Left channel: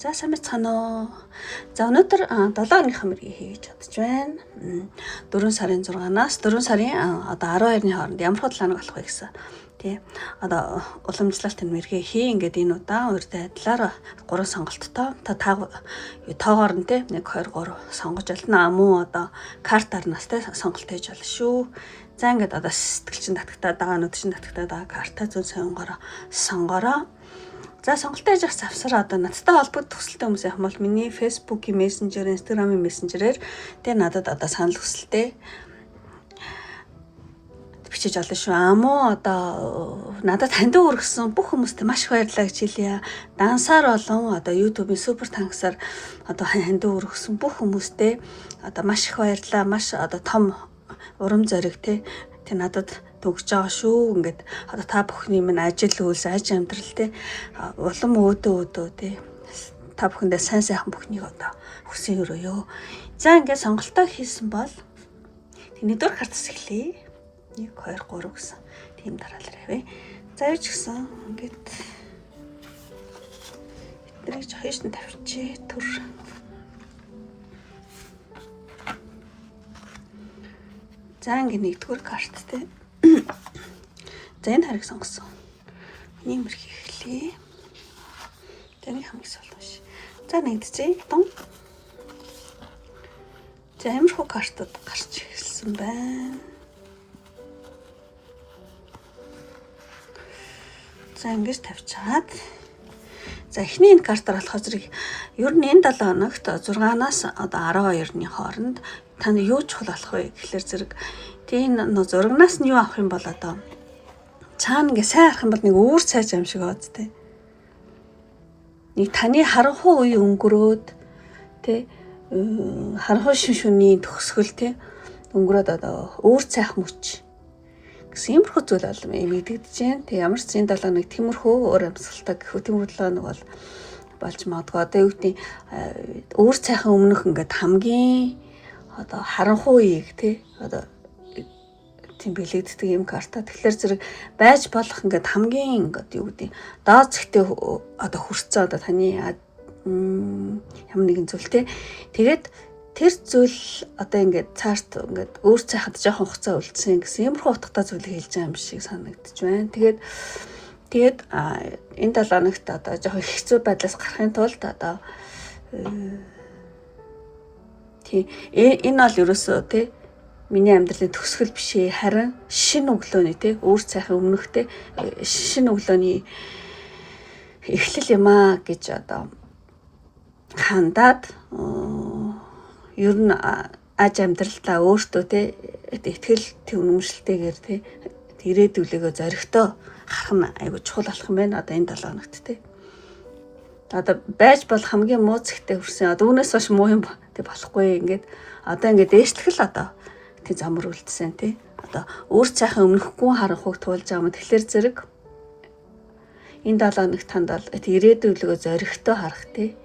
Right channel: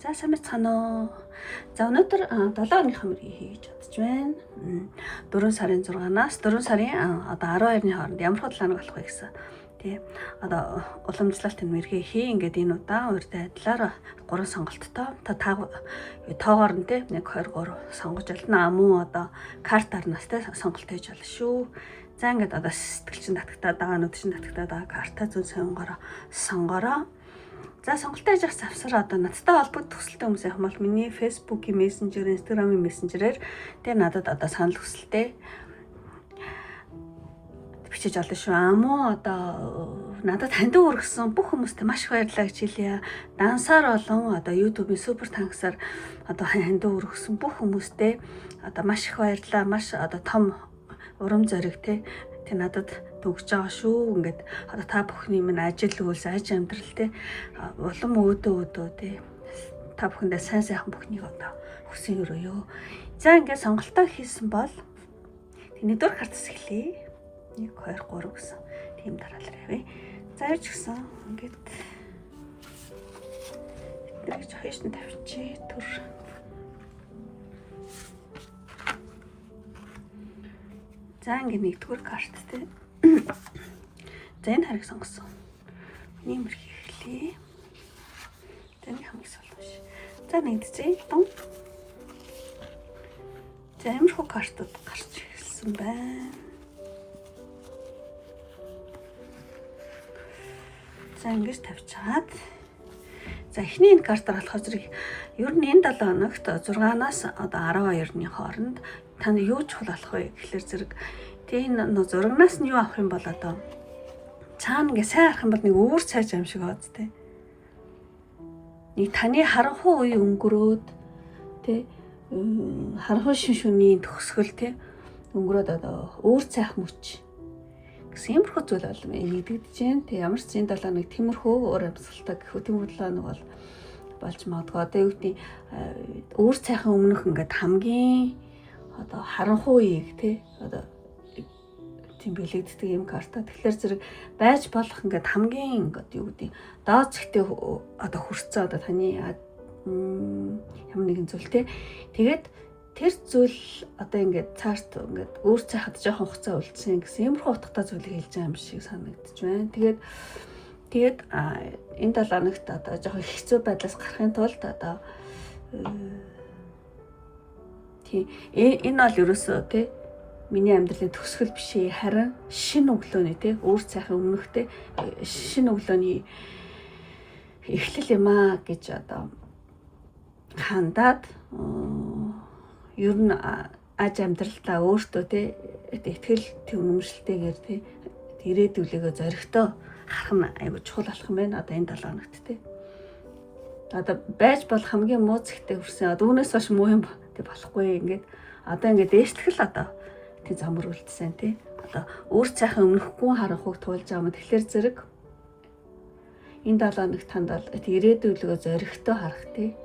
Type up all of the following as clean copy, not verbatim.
За сайн байцгаана уу. За өнөөдөр 7 өдрийнхөө мөргийг хийж бодож байна. 4 сарын 6-наас 4 сарын одоо 12-ны хооронд ямар худлаанаг болох вэ гэсэн. Тий. Одоо уламжлалт энэ мэргээ хий ингээд энэ удаа урьд айдлаар 3 сонголттой та тоогоор нь тий 1 2 3 сонгож ялна мөн одоо картаар настай сонголт хийж болно шүү. За ингээд одоо сэтгэлчин татагтаа дагаа нүдчин татагтаа дагаа карта зүүн сонгороо. За сонголт хийж явах завсар одоо надтай холбогдох хүсэлтэй хүмүүс яг бол миний Facebook-ийн Messenger, Instagram-ийн Messenger-ээр тэ надад одоо санал хүсэлтэй бичиж олно шүү. Мөн одоо надад хандив өргөсөн бүх хүмүүст маш их баярлалаа гэж хэлье. Дансаар болон одоо YouTube-ийн супер танксаар одоо хандив өргөсөн бүх хүмүүстээ одоо маш их баярлалаа. Маш одоо том урам зориг тэ надад төгсөж байгаа шүү. Ингээд одоо та бүхний минь ажил үйлс, аж амьдрал те улам өөдөө те та бүхэндээ сайн сайхан бүхнийг одоо хүсэн өрөөё. За ингээд сонголтоо хийсэн бол нэгдүгээр картас эхлэе. 1 2 3 гэсэн тийм дараалал явъя. За юу ч гэсэн ингээд эднийг ч хаяаш нь тавьчих төр. За ингээд нэгдүгээр карт те. За энэ хариг сонгосон. Миний мөрх эхлэе. Тэний хамгийн сул биш. За нэгдчихье. Дун. За амархуу картууд гарч ирсэн байна. За ингэж тавьчаад. За эхний энэ картаар болохоор зэрэг ер нь энэ 7 хоногт 6-наас одоо 12-ны хооронд танд юу чухал болох вэ гэхэлэр зэрэг тийм зурагнаас нь юу авах юм бол одоо цаана ингээ сайн харах юм бол нэг өөр цайж юм шиг бод тэ. Нэг таны харанхуй үе өнгөрөөд тэ харанхуй шүний төгсгөл тэ өнгөрөөд одоо өөр цайхан мөч гэсэн юмрхүү зүйл бол мэдэгдэж байна. Тэг ямар ч энэ 7 нэг тиймэрхүү өөр амьсгалтай гэхүү тиймэрлээ нэг бол болж магадгүй. Одоо юу гэдэг өөр цайхан өмнөх ингээд хамгийн одоо харанхуй үеийг тэ одоо тийм билэгддэг юм карта. Тэгэхээр зэрэг байж болох ингээд хамгийн ингээд юу гэдэг доод зэгтээ одоо хүрцэн одоо таны ямар нэгэн зүйл те. Тэгээд тэр зүйл одоо ингээд цаарт ингээд өөр цайхад жоохон хугацаа үлдсэн гэсэн юмрхүү утгатай зүйлийг хэлж байгаа юм шиг санагдаж байна. Тэгээд энэ 7 хоногт одоо жоохон хэцүү байдлаас гарахын тулд одоо тийм энэ бол ерөөсөө те миний амьдралын төгсгөл биш ээ, харин шинэ өглөөний те өөр цайхан өмнөхтэй шинэ өглөөний эхлэл юм аа гэж одоо хандаад ер нь аж амьдралдаа өөртөө те итгэл үнэмшилтэйгээр те ирээдүлээгөө зоригтой харах нь айгуу чухал болох юм байна. Одоо энэ 7 хоногт те одоо байж бол хамгийн муу зэгтээ хүрсэн. Одоо үүнээс хойш муу юм те болохгүй ингээд одоо ингээд дээшлэх л одоо тий замар үлдсэн тий одоо өөр цайхан өмнөхгүй харанхуйг туулж байгаа юм. Тэгэхээр зэрэг энэ 7 хоног танд бол ирээдүйлгөө зоригтой харах тий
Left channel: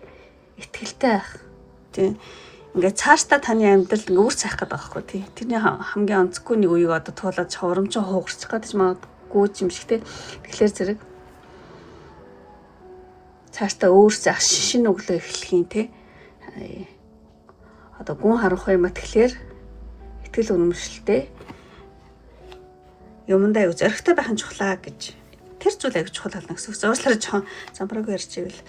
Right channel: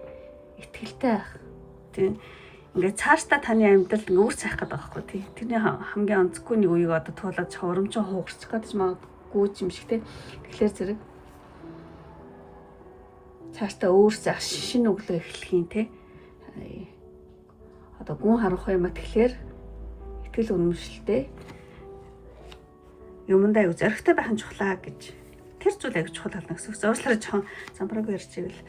итгэлтэй байх тий ингээд цаашдаа таны амьдрал өөр цайх гэдэг байхгүй тий тэрний хамгийн онцгүй нэг үеийг одоо туулаад урамчин хуугарчих гэдэг ч магадгүй юм шиг тий. Тэгэхээр зэрэг цаашдаа өөр цайх шинэ өглөө эхлэхийн тий одоо гүн харанхуй юм а тэгэхээр итгэл үнэмшилтэй юмдаа аюу зоригтой байх нь чухлаа гэж тэр зүйл аюу чухал болно гэсэн. Зурслаараа жоохон замбрааг ярьж ивэл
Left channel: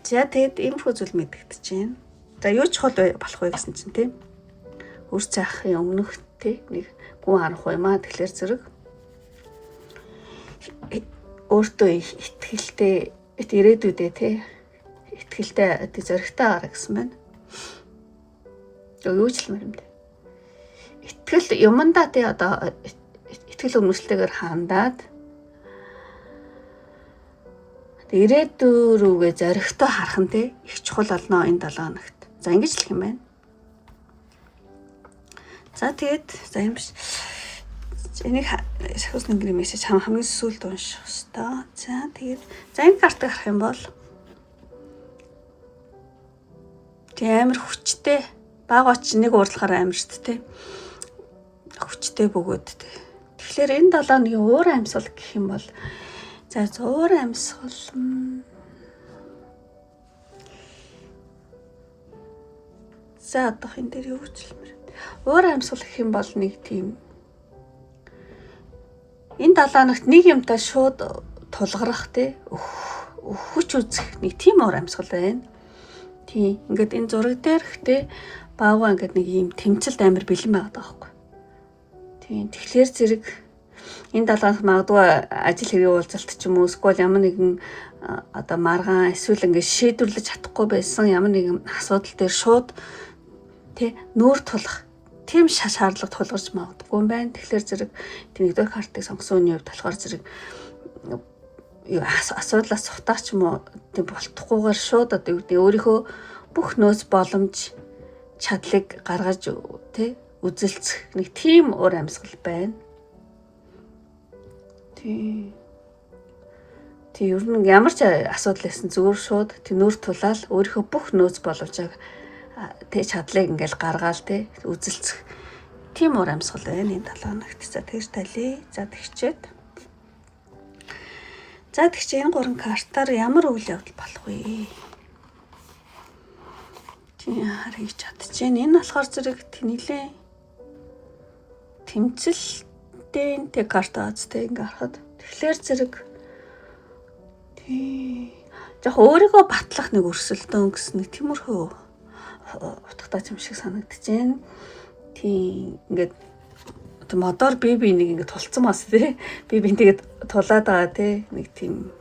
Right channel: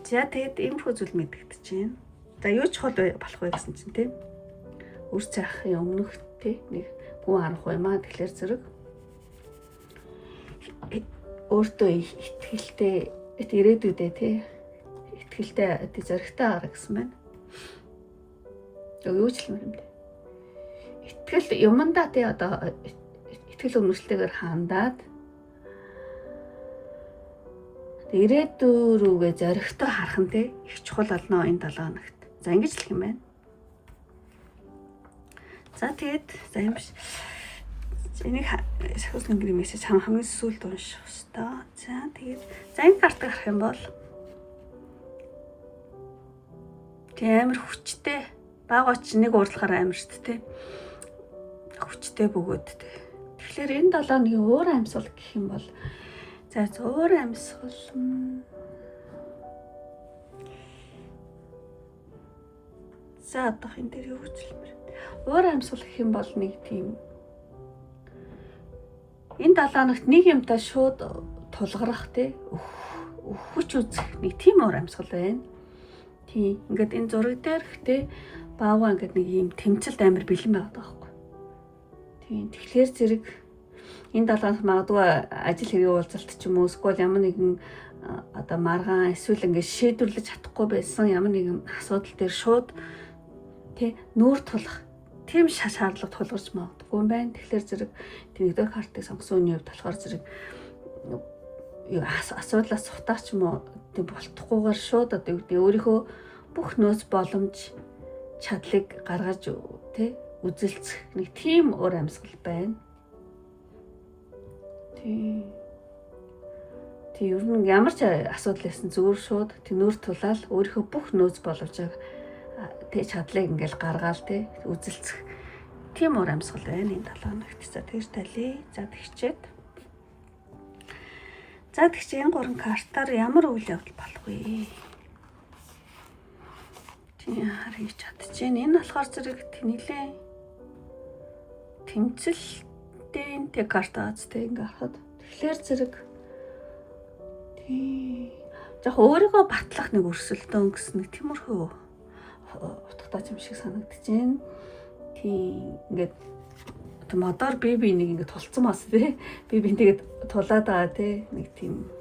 за тэгэд иймэрхүү зүйл мэдэгдэж байна. За юу чухал болох вэ гэсэн чинь тийм өөр цайхын өмнөх тийм нэг гүн харанхуй юм аа тэгэхээр зэрэг өөртөө итгэлтэй ирээдүйдээ тийм итгэлтэй зоригтой гараа гэсэн байна. Юу ч юм бэ? Итгэл юмдаа тий одоо итгэл үнэмшилтэйгээр хандаад ирээдүй рүүгээ зоригтой харах нь тий их чухал болно энэ 7 хоногт. За ингэж л юм байна. За тэгээд за юм биш. Энийг сахиусны гэрээ мессеж хамгийн сүүлд унших хэвээр. За тэгээд за энэ картыг харах юм бол тий амар хүчтэй баг оч нэг уурлахаар амар шүү дээ тий хүчтэй бөгөөд тий. Тэгэхээр энэ 7 хоногийн өөр амьсгал гэх юм бол за өөр амьсгал За одоох энэ дээр юу гэж хэлмээр. Өөр амьсгал гэх юм бол нэг тийм энэ 7 хоногт нэг юмтай шууд тулгарах те хүч үзэх нэг тийм өөр амьсгал байна. Тийм ингээд энэ зураг дээр ихтэй баавга ингээд нэг юм тэмцэлд амар бэлэн байгаад байгаа байхгүй. Тийм тэгэхээр зэрэг энэ 7 хоног магадгүй ажил хэргийн уулзалт ч юм уу эсвэл ямар нэгэн одоо маргаан эсвэл ингээд шийдвэрлэж чадахгүй байсан ямар нэгэн асуудал дээр шууд тий нүүр тулах тийм шаардлага тулгарч магадгүй юм байна. Тэгэхээр зэрэг нэгдүгээр картыг сонгосон үний хувьд болохоор зэрэг асуудлаас сутаач юм уу тийм болтохгүйгээр шууд одоо юу гэдэг өөрийнхөө бүх нөөц боломж чадлыг гаргаж тий үзэлцэх нэг тийм өөр амьсгал байна. Тий ер нь ямар ч асуудал байсан зүгээр шууд тэнүүр тулаал өөрийнхөө бүх нөөц боломжийг тий чадлыг ингээл гаргаал тий үзэлцэх тийм өөр амьсгал байна энэ 7 хоногт. За тэгж талий. За тэгчээд энэ 3 картаар ямар үйл явдал болох вэ? Чиний харъя чадчихээн. Энэ болохоор зэрэг тэнэлээ тэмцэлтэй тэг карта азтай ингээ харахад тэгэхээр зэрэг яг өөрийгөө батлах нэг өрсөлдөөн гэсэн нэг тиймэрхүү утгатай юм шиг санагдчихээн. Тийм ингээд модоор би нэг ингээд тулцсан бас тий. Би тэгээд тулаад байгаа тий. Нэг тийм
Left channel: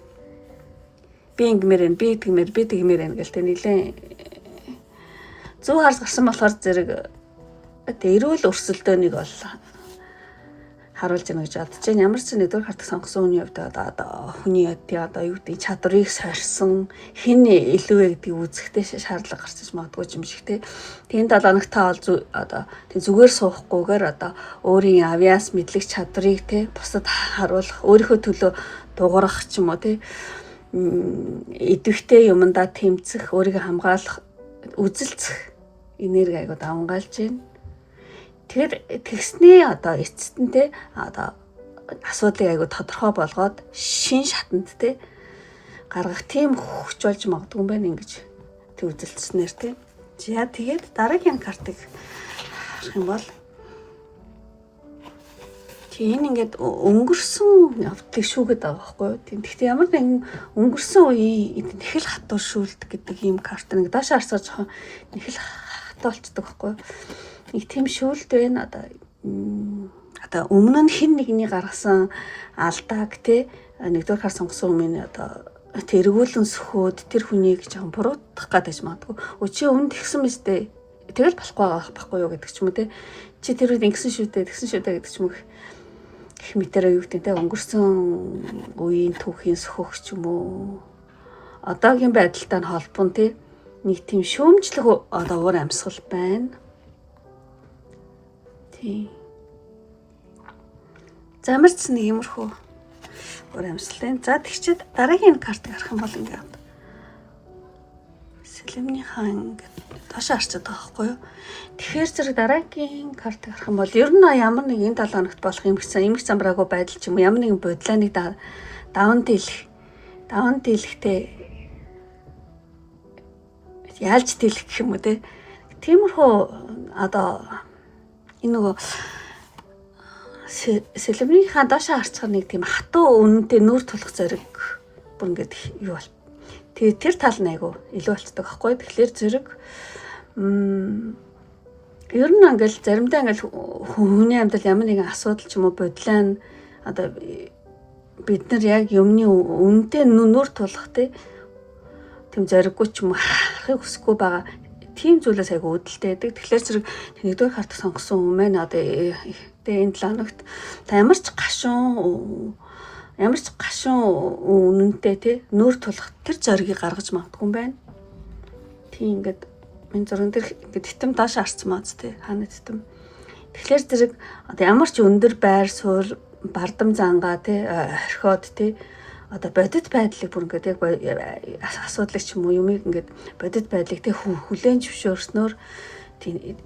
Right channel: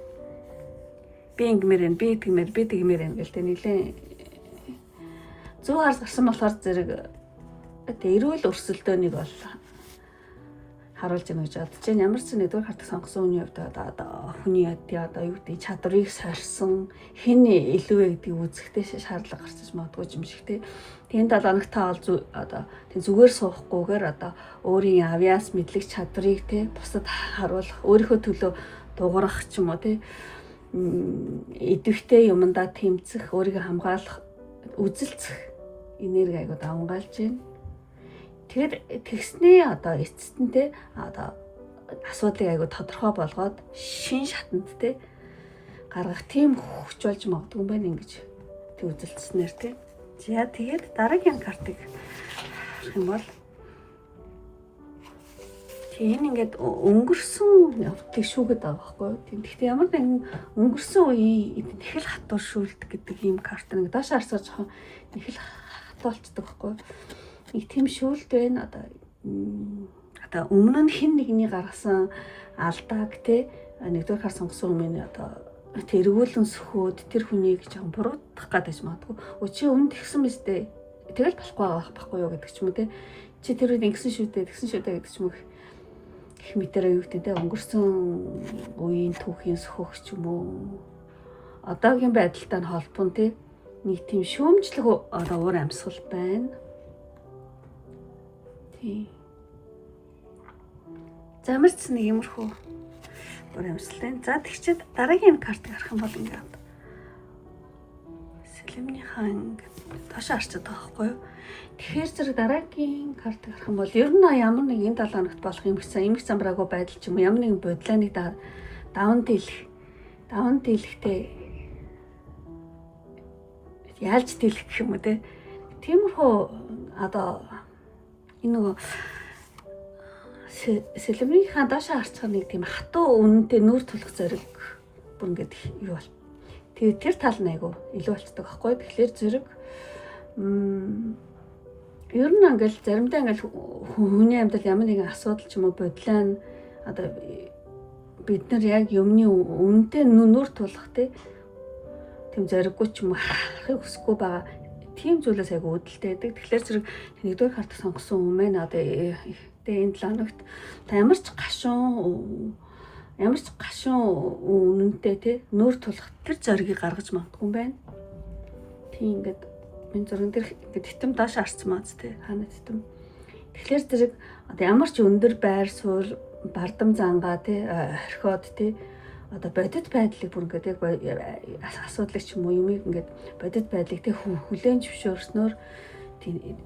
би ингэмээр би тэгмээр гэл тий нилээ зүү харс гарсан болохоор зэрэг эрүүл өрсөлдөөнийг бол харуулж байна гэж бодож байна. Ямар ч нэгдүгээр картыг сонгосон хүний хувьд одоо хүний одоо юу гэдэг чадварыг сорьсон хэн илүү вэ гэдгийг үзэхдээ шаардлага гарч магадгүй юм шиг тий. Тэгээд 7 хоногт та бол одоо тэг зүгээр суухгүйгээр одоо өөрийн авиас мэдлэг чадварыг тий бусад харуулах, өөрийнхөө төлөө дуурах ч юм уу тий идэвхтэй юмдаа тэмцэх, өөрийгөө хамгаалах, үзэлцэх энерги айгуу давангаалж байна. Тэгэхээр тэгсний одоо эцэст нь те одоо асуудлыг айгуу тодорхой болгоод шин шатанд те гаргах тийм хүч болж магадгүй юм байна ингэж тэг үзэлцснээр те. За тэгээд дараагийн картыг харах юм бол тийм ингээд өнгөрсөн явдлыг шүүгээд байгаа байхгүй юу. Тийм гэхдээ ямар нэгэн өнгөрсөн үеийн их л хатуур шүүлдэг гэдэг ийм карт нэг доош харсаар жоохон их л хатуулцдаг байхгүй юу. Нэг тийм шүүлт байна одоо өмнө нь хэн нэгний гаргасан алдааг те нэгдүгээр кар сонгосон өмнө одоо тэргүүлэн сөхөөд тэр хүнийг жоохон буруутгах гэдэг юм магадгүй. Чи өмнө тэгсэн биз дээ. Тэгэл болохгүй юу гэдэг ч юм уу те. Чи тэр үед ингэсэн шүү дээ гэдэг ч юм уу. Гэх мэтэрээ юу гэдэг те өнгөрсөн үеийн түүхийн сөхөх ч юм уу. Одоогийн байдалтай нь холбон те нэг тийм шүүмжлэх одоо уур амьсгал байна. Замарч нэг юмрхүү уур амьсгалтай. За тэгчээд дараагийн картыг харах юм бол ингээд сэлэмний хаан ингээд тоош харчаад байгаа байхгүй юу. Тэгэхээр зэрэг дараагийн картыг харах юм бол ер нь ямар нэг энэ 7 хоногт болох юм их замбраагүй байдал ч юм уу ямар нэгэн бодлооныг даван дийлэхтэй яалж дийлэх гэх юм уу те. Тиймэрхүү одоо энэ нөгөө сэлэмний хаан доош харцгаар нэг тийм хатуу үнэнтэй нүүр тулах зэрэг бүр ингээд юу бол. Тэгээ тэр тал нь айгу илүү болцдог байхгүй. Тэгэхээр зэрэг ер нь ингээл заримдаа ингээл хүний амьдрал ямар нэгэн асуудал ч юм уу бодлоо нь одоо бид нар яг юмны үнэнтэй нүүр тулах тийм зориггүй ч юм уу харахыг хүсэхгүй байгаа тийм зүйлээс айгу үүдэлтэй байдаг. Тэгэхээр зэрэг нэгдүгээр карт сонгосон юм байна. Одоо энэ 7 хоногт ямар ч гашуун үнэнтэй тий нүүр тулах тэр зоригийг гаргаж магадгүй юм байна. Тийм ингээд энэ зурган дээр ингээд титэм доош харцсан маац тий хаана титэм. Тэгэхээр зэрэг одоо ямар ч өндөр байр суурь бардам зангаа тий орхиод тий одоо бодит байдлыг бүр ингээд яг асуудлыг ч юм уу юмыг ингээд бодит байдлыг тий хүлээн зөвшөөрснөөр тий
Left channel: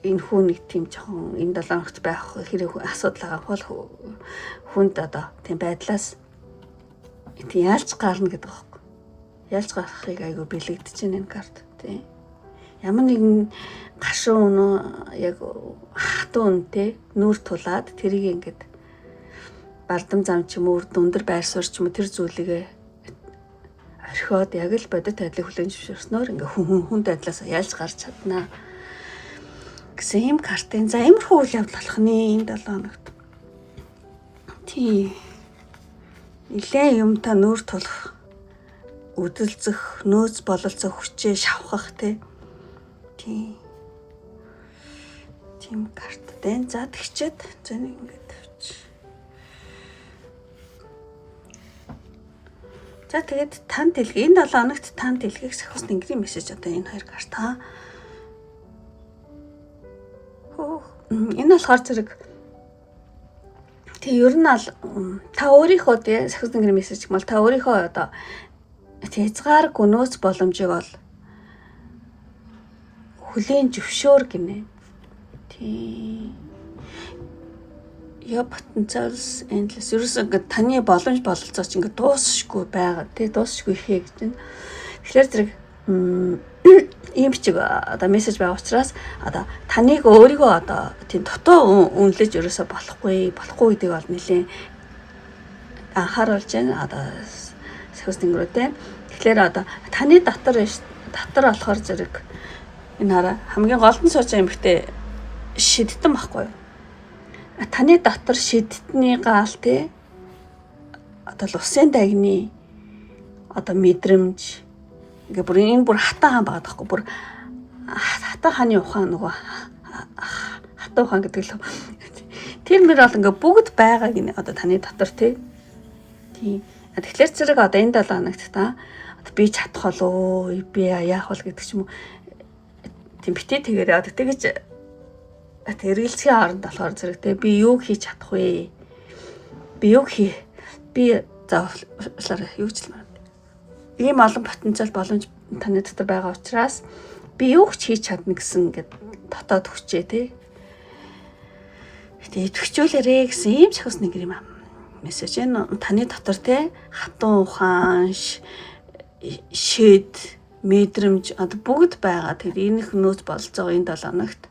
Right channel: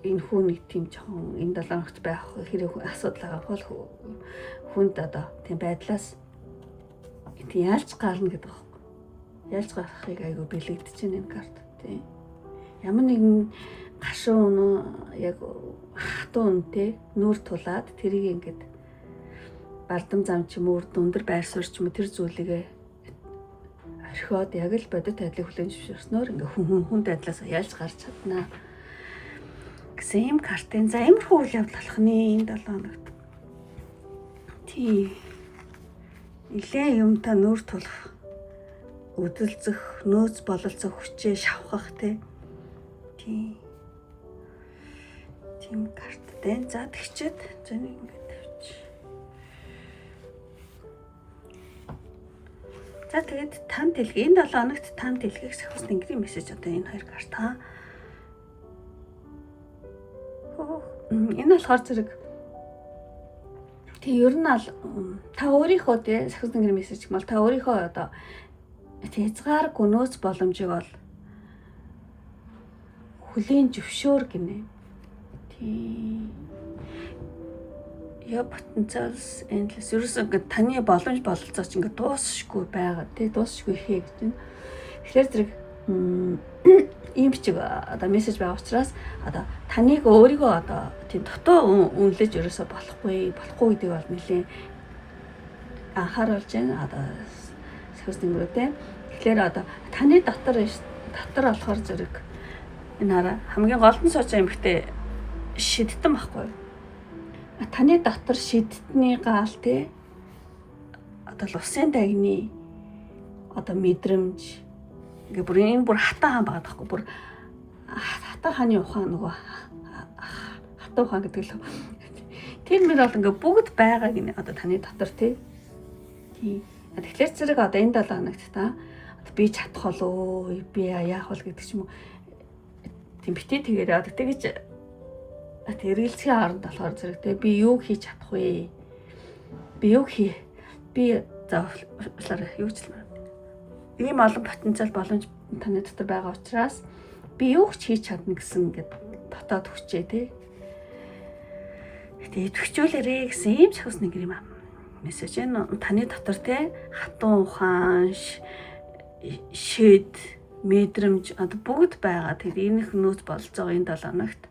энэ хүн нэг тийм жоохон энэ 7 хоногт байх хэрэг асуудал байгаа бол хүнд одоо тийм байдлаас тийм ялж гарна гэдэг байхгүй. Ялж гарахыг айгүй бэлэгдэж байна энэ карт тий. ямар нэгэн гашуун яг хатуу үнэтэй нүүр тулаад тэрийг ингээд бардам зам ч юм уу өндөр байр суурь ч юм уу тэр зүйлийг орхиод яг л бодит байдлыг хүлээн зөвшөөрснөөр ингээ хүнд байдлаас ялж гарч чаднаа гэсэн юм картын. За иймэрхүү үйл явдал болох нэ энэ 7 хоногт. Тийм. Нилээн юмтай нүүр тулах, үдэлцэх, нөөц бололцох хүчээ шавхах тийм карттай. За тэгчээд зэн ингээд тавьчих. За тэгээд танд дэлгээ энэ 7 хоногт танд дэлгээх сахиус тэнгэрийн мессеж одоо энэ хоёр карта. Энэ болохоор зэрэг тий ер нь ал та өөрийнхөө тий сахиус тэнгэрийн мессеж гэмэл та өөрийнхөө одоо хязгааргүй нөөц боломжийг бол хүлийн зөвшөөр гинэ. Тий. Я потенциалс endless. Ерөөсөө ингээд таны боломж бололцоо ч ингээд дуусахгүй байгаа. Тий дуусахгүй ихээ гэж байна. Тэгэхээр зэрэг ийм бичиг одоо мессеж байгаа учраас одоо таныг өөрийгөө одоо тийм дотоо үнэлж ерөөсөө болохгүй гэдгийг бол нэлээ анхааруулж байна. Одоо сахиус тэнгэрүүдээ. Тэгэхээр одоо таны дотор болохоор зэрэг энэ хараа хамгийн голдон сууж байгаа эмэгтэй шидтэн байхгүй юу? Таны дотор шидтний гал тий одоо усын дагны одоо мэдрэмж ингээ бүр энэ бүр хатан хаан байгаа даахгүй бүр хатан хааны ухаан нөгөө хатан ухаан гэдэг л тэр мөр бол ингээ бүгд байгаа гинэ одоо таны дотор тий. Тэгэхээр зэрэг одоо энэ 7 хоногт та би чадах болов би яах бол гэдэг ч юм уу тийм битээ тэгээрээ одоо тэгэж эргэлзгийн хооронд болохоор зэрэг тий би юу хийж чадах вэ? Би заавал юу ч юм. Ийм олон потенциал боломж таны дотор байгаа учраас би юу ч хийж чадна гэсэн ингээд дотоод хүчээ тий. Тэгээд төгчүүлээрээ гэсэн ийм сахиус нэг юм аа. Мессеж энэ таны дотор тий хатан ухаан шид мэдрэмж одоо бүгд байгаа. Тэгээд энийх нөөц болцоогоо энэ 7 хоногт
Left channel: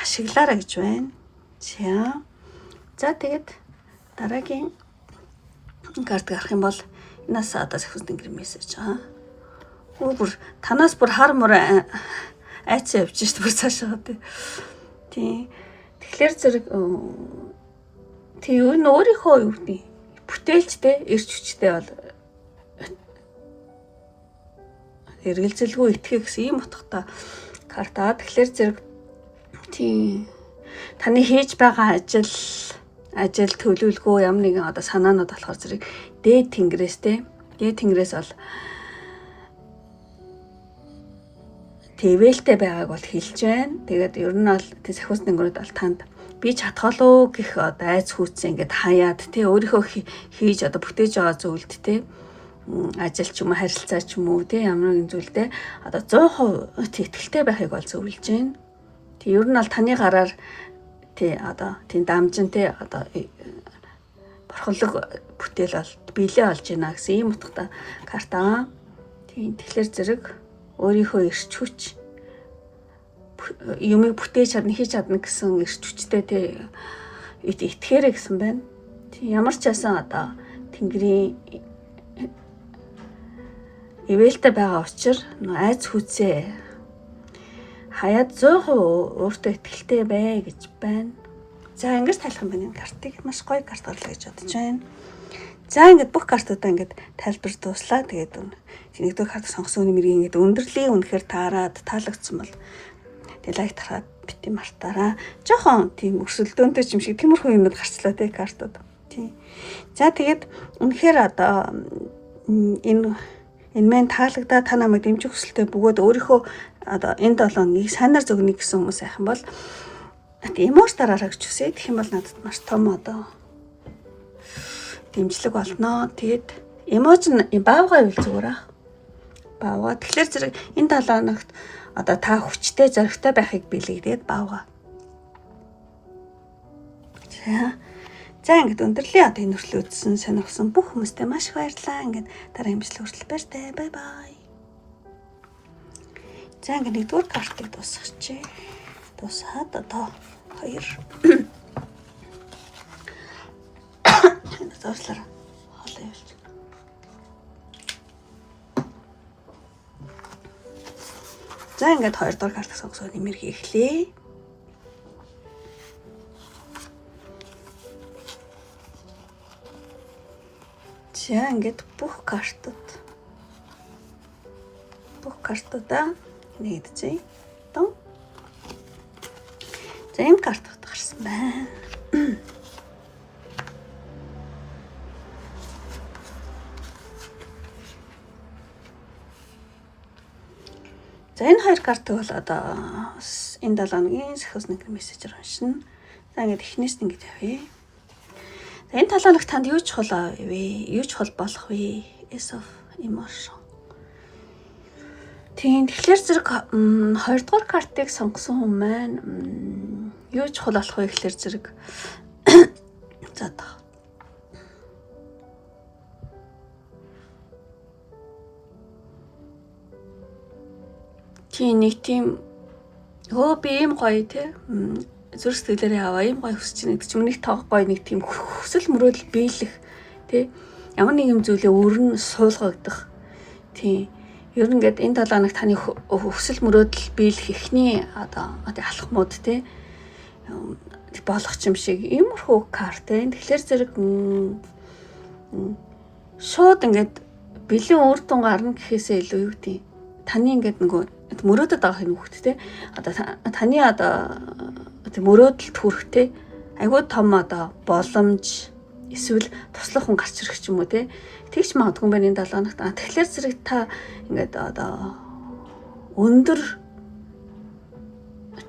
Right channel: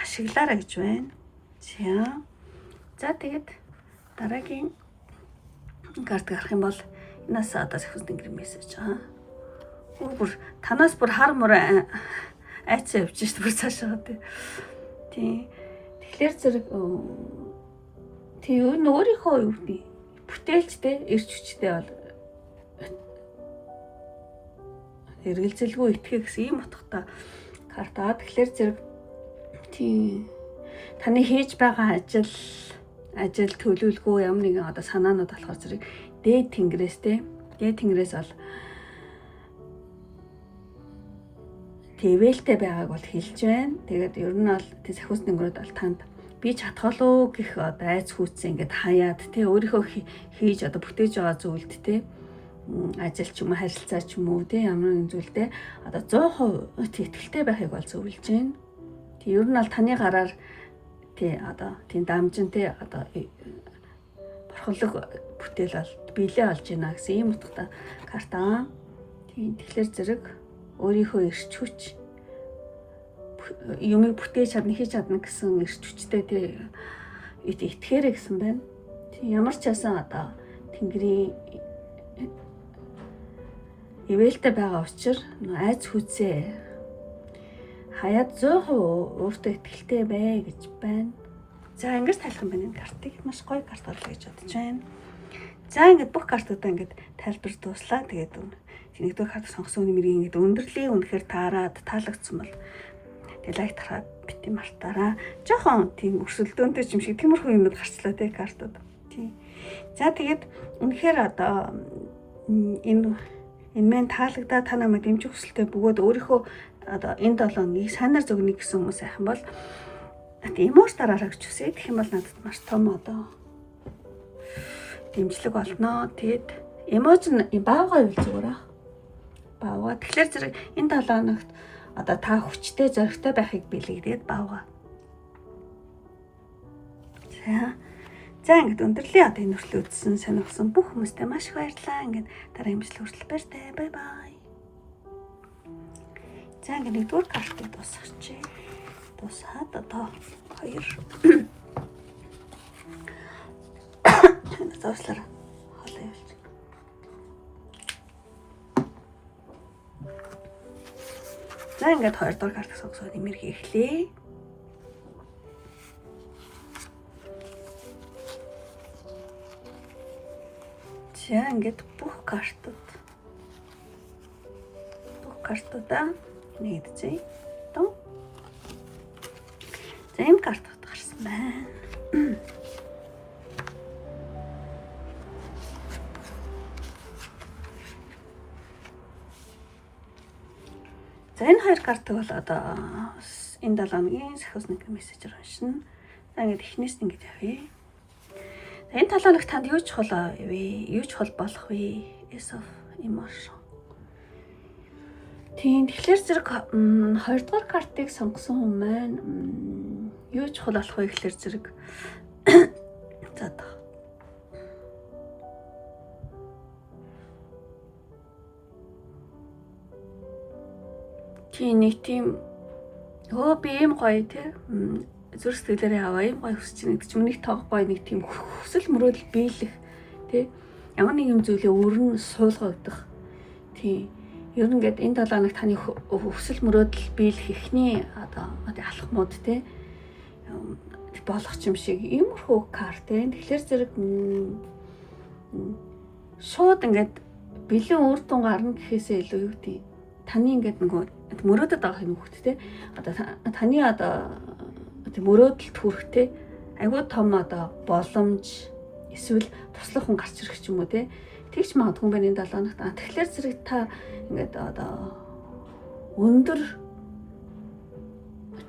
ашиглаарай гэж байна. За тэгээд дараагийн карт гарах юм бол энэс одоо сахиус тэнгэрийн мессеж бүр танаас бүр хар мөр айцсан явж шít бүр цаашаа тий. Тэгэхээр зэрэг тий энэ өөрийнхөө юу гэдэг бүтээлчтэй эрч хүчтэй бол эргэлзэлгүй итгэх гэсэн ийм утгатай карта. Тэгэхээр зэрэг тий таны хийж байгаа ажил төлөвлөгөө ямар нэгэн одоо санаанууд болохоор зэрэг дээд тэнгэрээс бол твэлтэй байгааг бол хэлж байна. Тэгээд ер нь бол тий сахиус тэнгэрүүд бол танд би чадах болов гэх одоо айц хүүцэн ингээд хаяад тий өөрийнхөө хийж одоо бүтээж байгаа зүйлд тий ажил ч юм уу харилцаа ч юм уу тий ямар нэгэн зүйлдээ одоо 100% итгэлтэй байхыг бол зөвлөж байна. Тий ер нь бол таны гараар тий одоо тий дамжин тий одоо борхолог бүтээл бол биелээ олж байна гэсэн ийм утгатай карта. Тий тэгэхээр зэрэг өөрийнхөө эрч хүч юмыг бүтээж чадна хийж чадна гэсэн эрч хүчтэй тий итгээрэй гэсэн байна. Тий ямар ч байсан одоо тэнгэрийн ивэлтэй байгаа учраас айц хүчээ хаяад 100% өөртөө итгэлтэй бай гэж байна. За ингэж тайлах юм байна. Картыг маш гоё карт орлоо гэж бодож байна. За ингээд бүх картуудаа ингээд тайлбар дуслаа. Тэгээд нэгдүгээр карт сонгосон хүний мэрийг ингээд өндөрлөлийн үнэхээр таарад таалагдсан бол тэгээд лайк тарахад бити мартаараа. Жохон тийм өрсөлдөөнтэй юм шиг тиймэрхүү юмуд гарчлаа те картууд. Тийм. За тэгээд үнэхээр одоо энэ мэн таалагдаа та намайг дэмжих хүсэлтэй бөгөөд өөрийнхөө одоо энэ 7 хоногийг сайнаар зөгнө гэсэн хүмүүс айхан бол эмоц дараараа гэж үсэ. Тэгэх юм бол надад маш том одоо дэмжлэг болно. Тэгээд эмоц нь баавгаа үйл зүгээр аа. Баавгаа. Тэгэхээр зэрэг энэ 7 хоногт одоо та хүчтэй зоригтой байхыг бэлэгдээд баавгаа. За ингээд өндөрлөө одоо энэ хүртэл үзсэн сонирхсан бүх хүмүүстээ маш их баярлалаа. Ингээд дараа имжлэг хүртэл баяртай. Бай бай. За ингээд нэгдүгээр картыг дуусгачих. Дуусаад одоо 2 зурслаар хоолой явуулж. За ингээд 2 дугаар картыг сонгосоо нэмэр хийхлээ. За ингээд бүх картуудаа нэгдэжээ. Тон. За энэ картууд гарсан байна. За энэ 2 картыг бол одоо энэ 7 хоногийн сахиусны мессежээр уншина. За ингээд эхнээс нь ингэж авъя. За энэ 7 хоног танд юу чухал вэ? Юу чухал болох вэ? Ace of Emotion. Тийм тэгэхээр зэрэг 2 дугаар картыг сонгосон хүн маань юу чухал болох вэ гэхээр зэрэг за нэг тийм би ийм гоё те зүрх сэтгэлээрээ аваа ийм гоё хүсэж байна гэдэг чинь нэг тоо гоё нэг тийм хүсэл мөрөөдөл биелэх те ямар нэг юм зүйлээ өрн суулгагдах тийм ер нь ингээд энэ 7 хоног таны хүсэл мөрөөдөл биелэх ихний одоо алхмууд те болох юм шиг иймэрхүү карт те тэгэхээр зэрэг шууд ингээд бэлэн үр дүн гарна гэхээсээ илүү юу гэдэг таны ингээд нөгөө мөрөөдөд байгаа юм хөхт те одоо таны одоо мөрөөдөлд хүрэхтэй айгүй том одоо боломж эсвэл туслах хүн гарч ирэх ч юм уу те тэгч магадгүй байна энэ 7 хоногт тэгэхээр зэрэг та ингээд одоо өндөр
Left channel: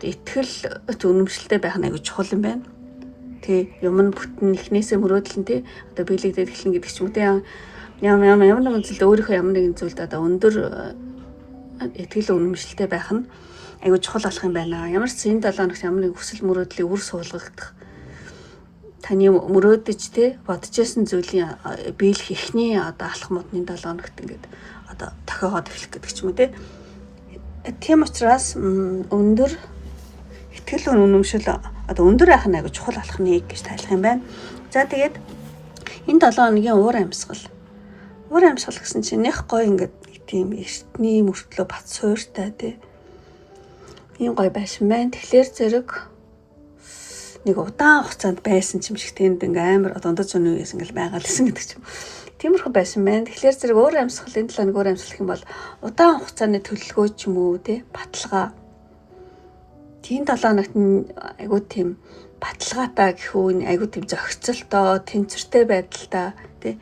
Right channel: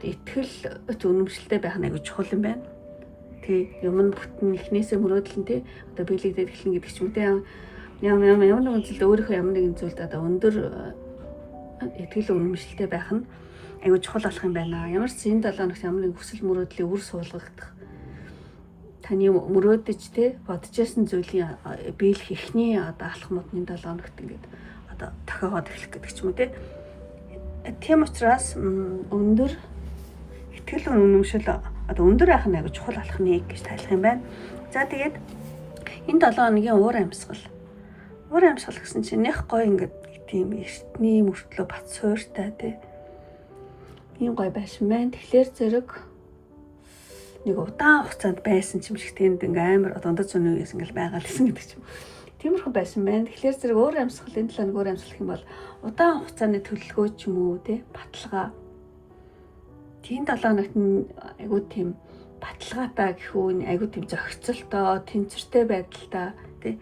итгэл үнэмшилтэй байх нь айгүй чухал юм байна тий юм нь бүтэн ихнээсээ мөрөөдөл нь те одоо биелэгдээд эхлэн гэдэг ч юм уу те ямар нэгэн зүйлд өөрийнхөө ямар нэгэн зүйлд одоо өндөр итгэл үнэмшилтэй байх нь айгүй чухал болох юм байна. Ямар ч энэ 7 хоногт ямар нэг хүсэл мөрөөдлийн үр суулгагдах таны мөрөөдөж те бодчихсон зүйлийн биелэх ихний одоо алхмуудны 7 хоногт ингээд одоо тохиогоод эхлэх гэдэг ч юм уу те. Тийм учраас өндөр итгэл үнэмшил одоо өндөр байх нь айгүй чухал алхмыг гэж тайлах юм байна. За тэгээд энэ 7 хоногийн уур амьсгал гэсэн чинь нэх гоё ингээд тийм эртний мөртлөө бат суурьтай тий. Ийм гоё байшин байна. Тэгэхээр зэрэг нэг удаан хугацаанд байсан юм шиг тэнд ингээм амар дундаж зүүн үеэс ингээл байгаад лсэн гэдэг юм. Тиймэрхүү байшин байна. Тэгэхээр зэрэг өөр амьсгалын талаар өөр амьсгал гэх юм бол удаан хугацааны төлөвлөгөө ч юм уу тий баталгаа. Тийм 7 хоногт айгуу тийм баталгаатай гэх үү айгуу тийм зохицолтой, тэнцвэртэй байдалтай тий.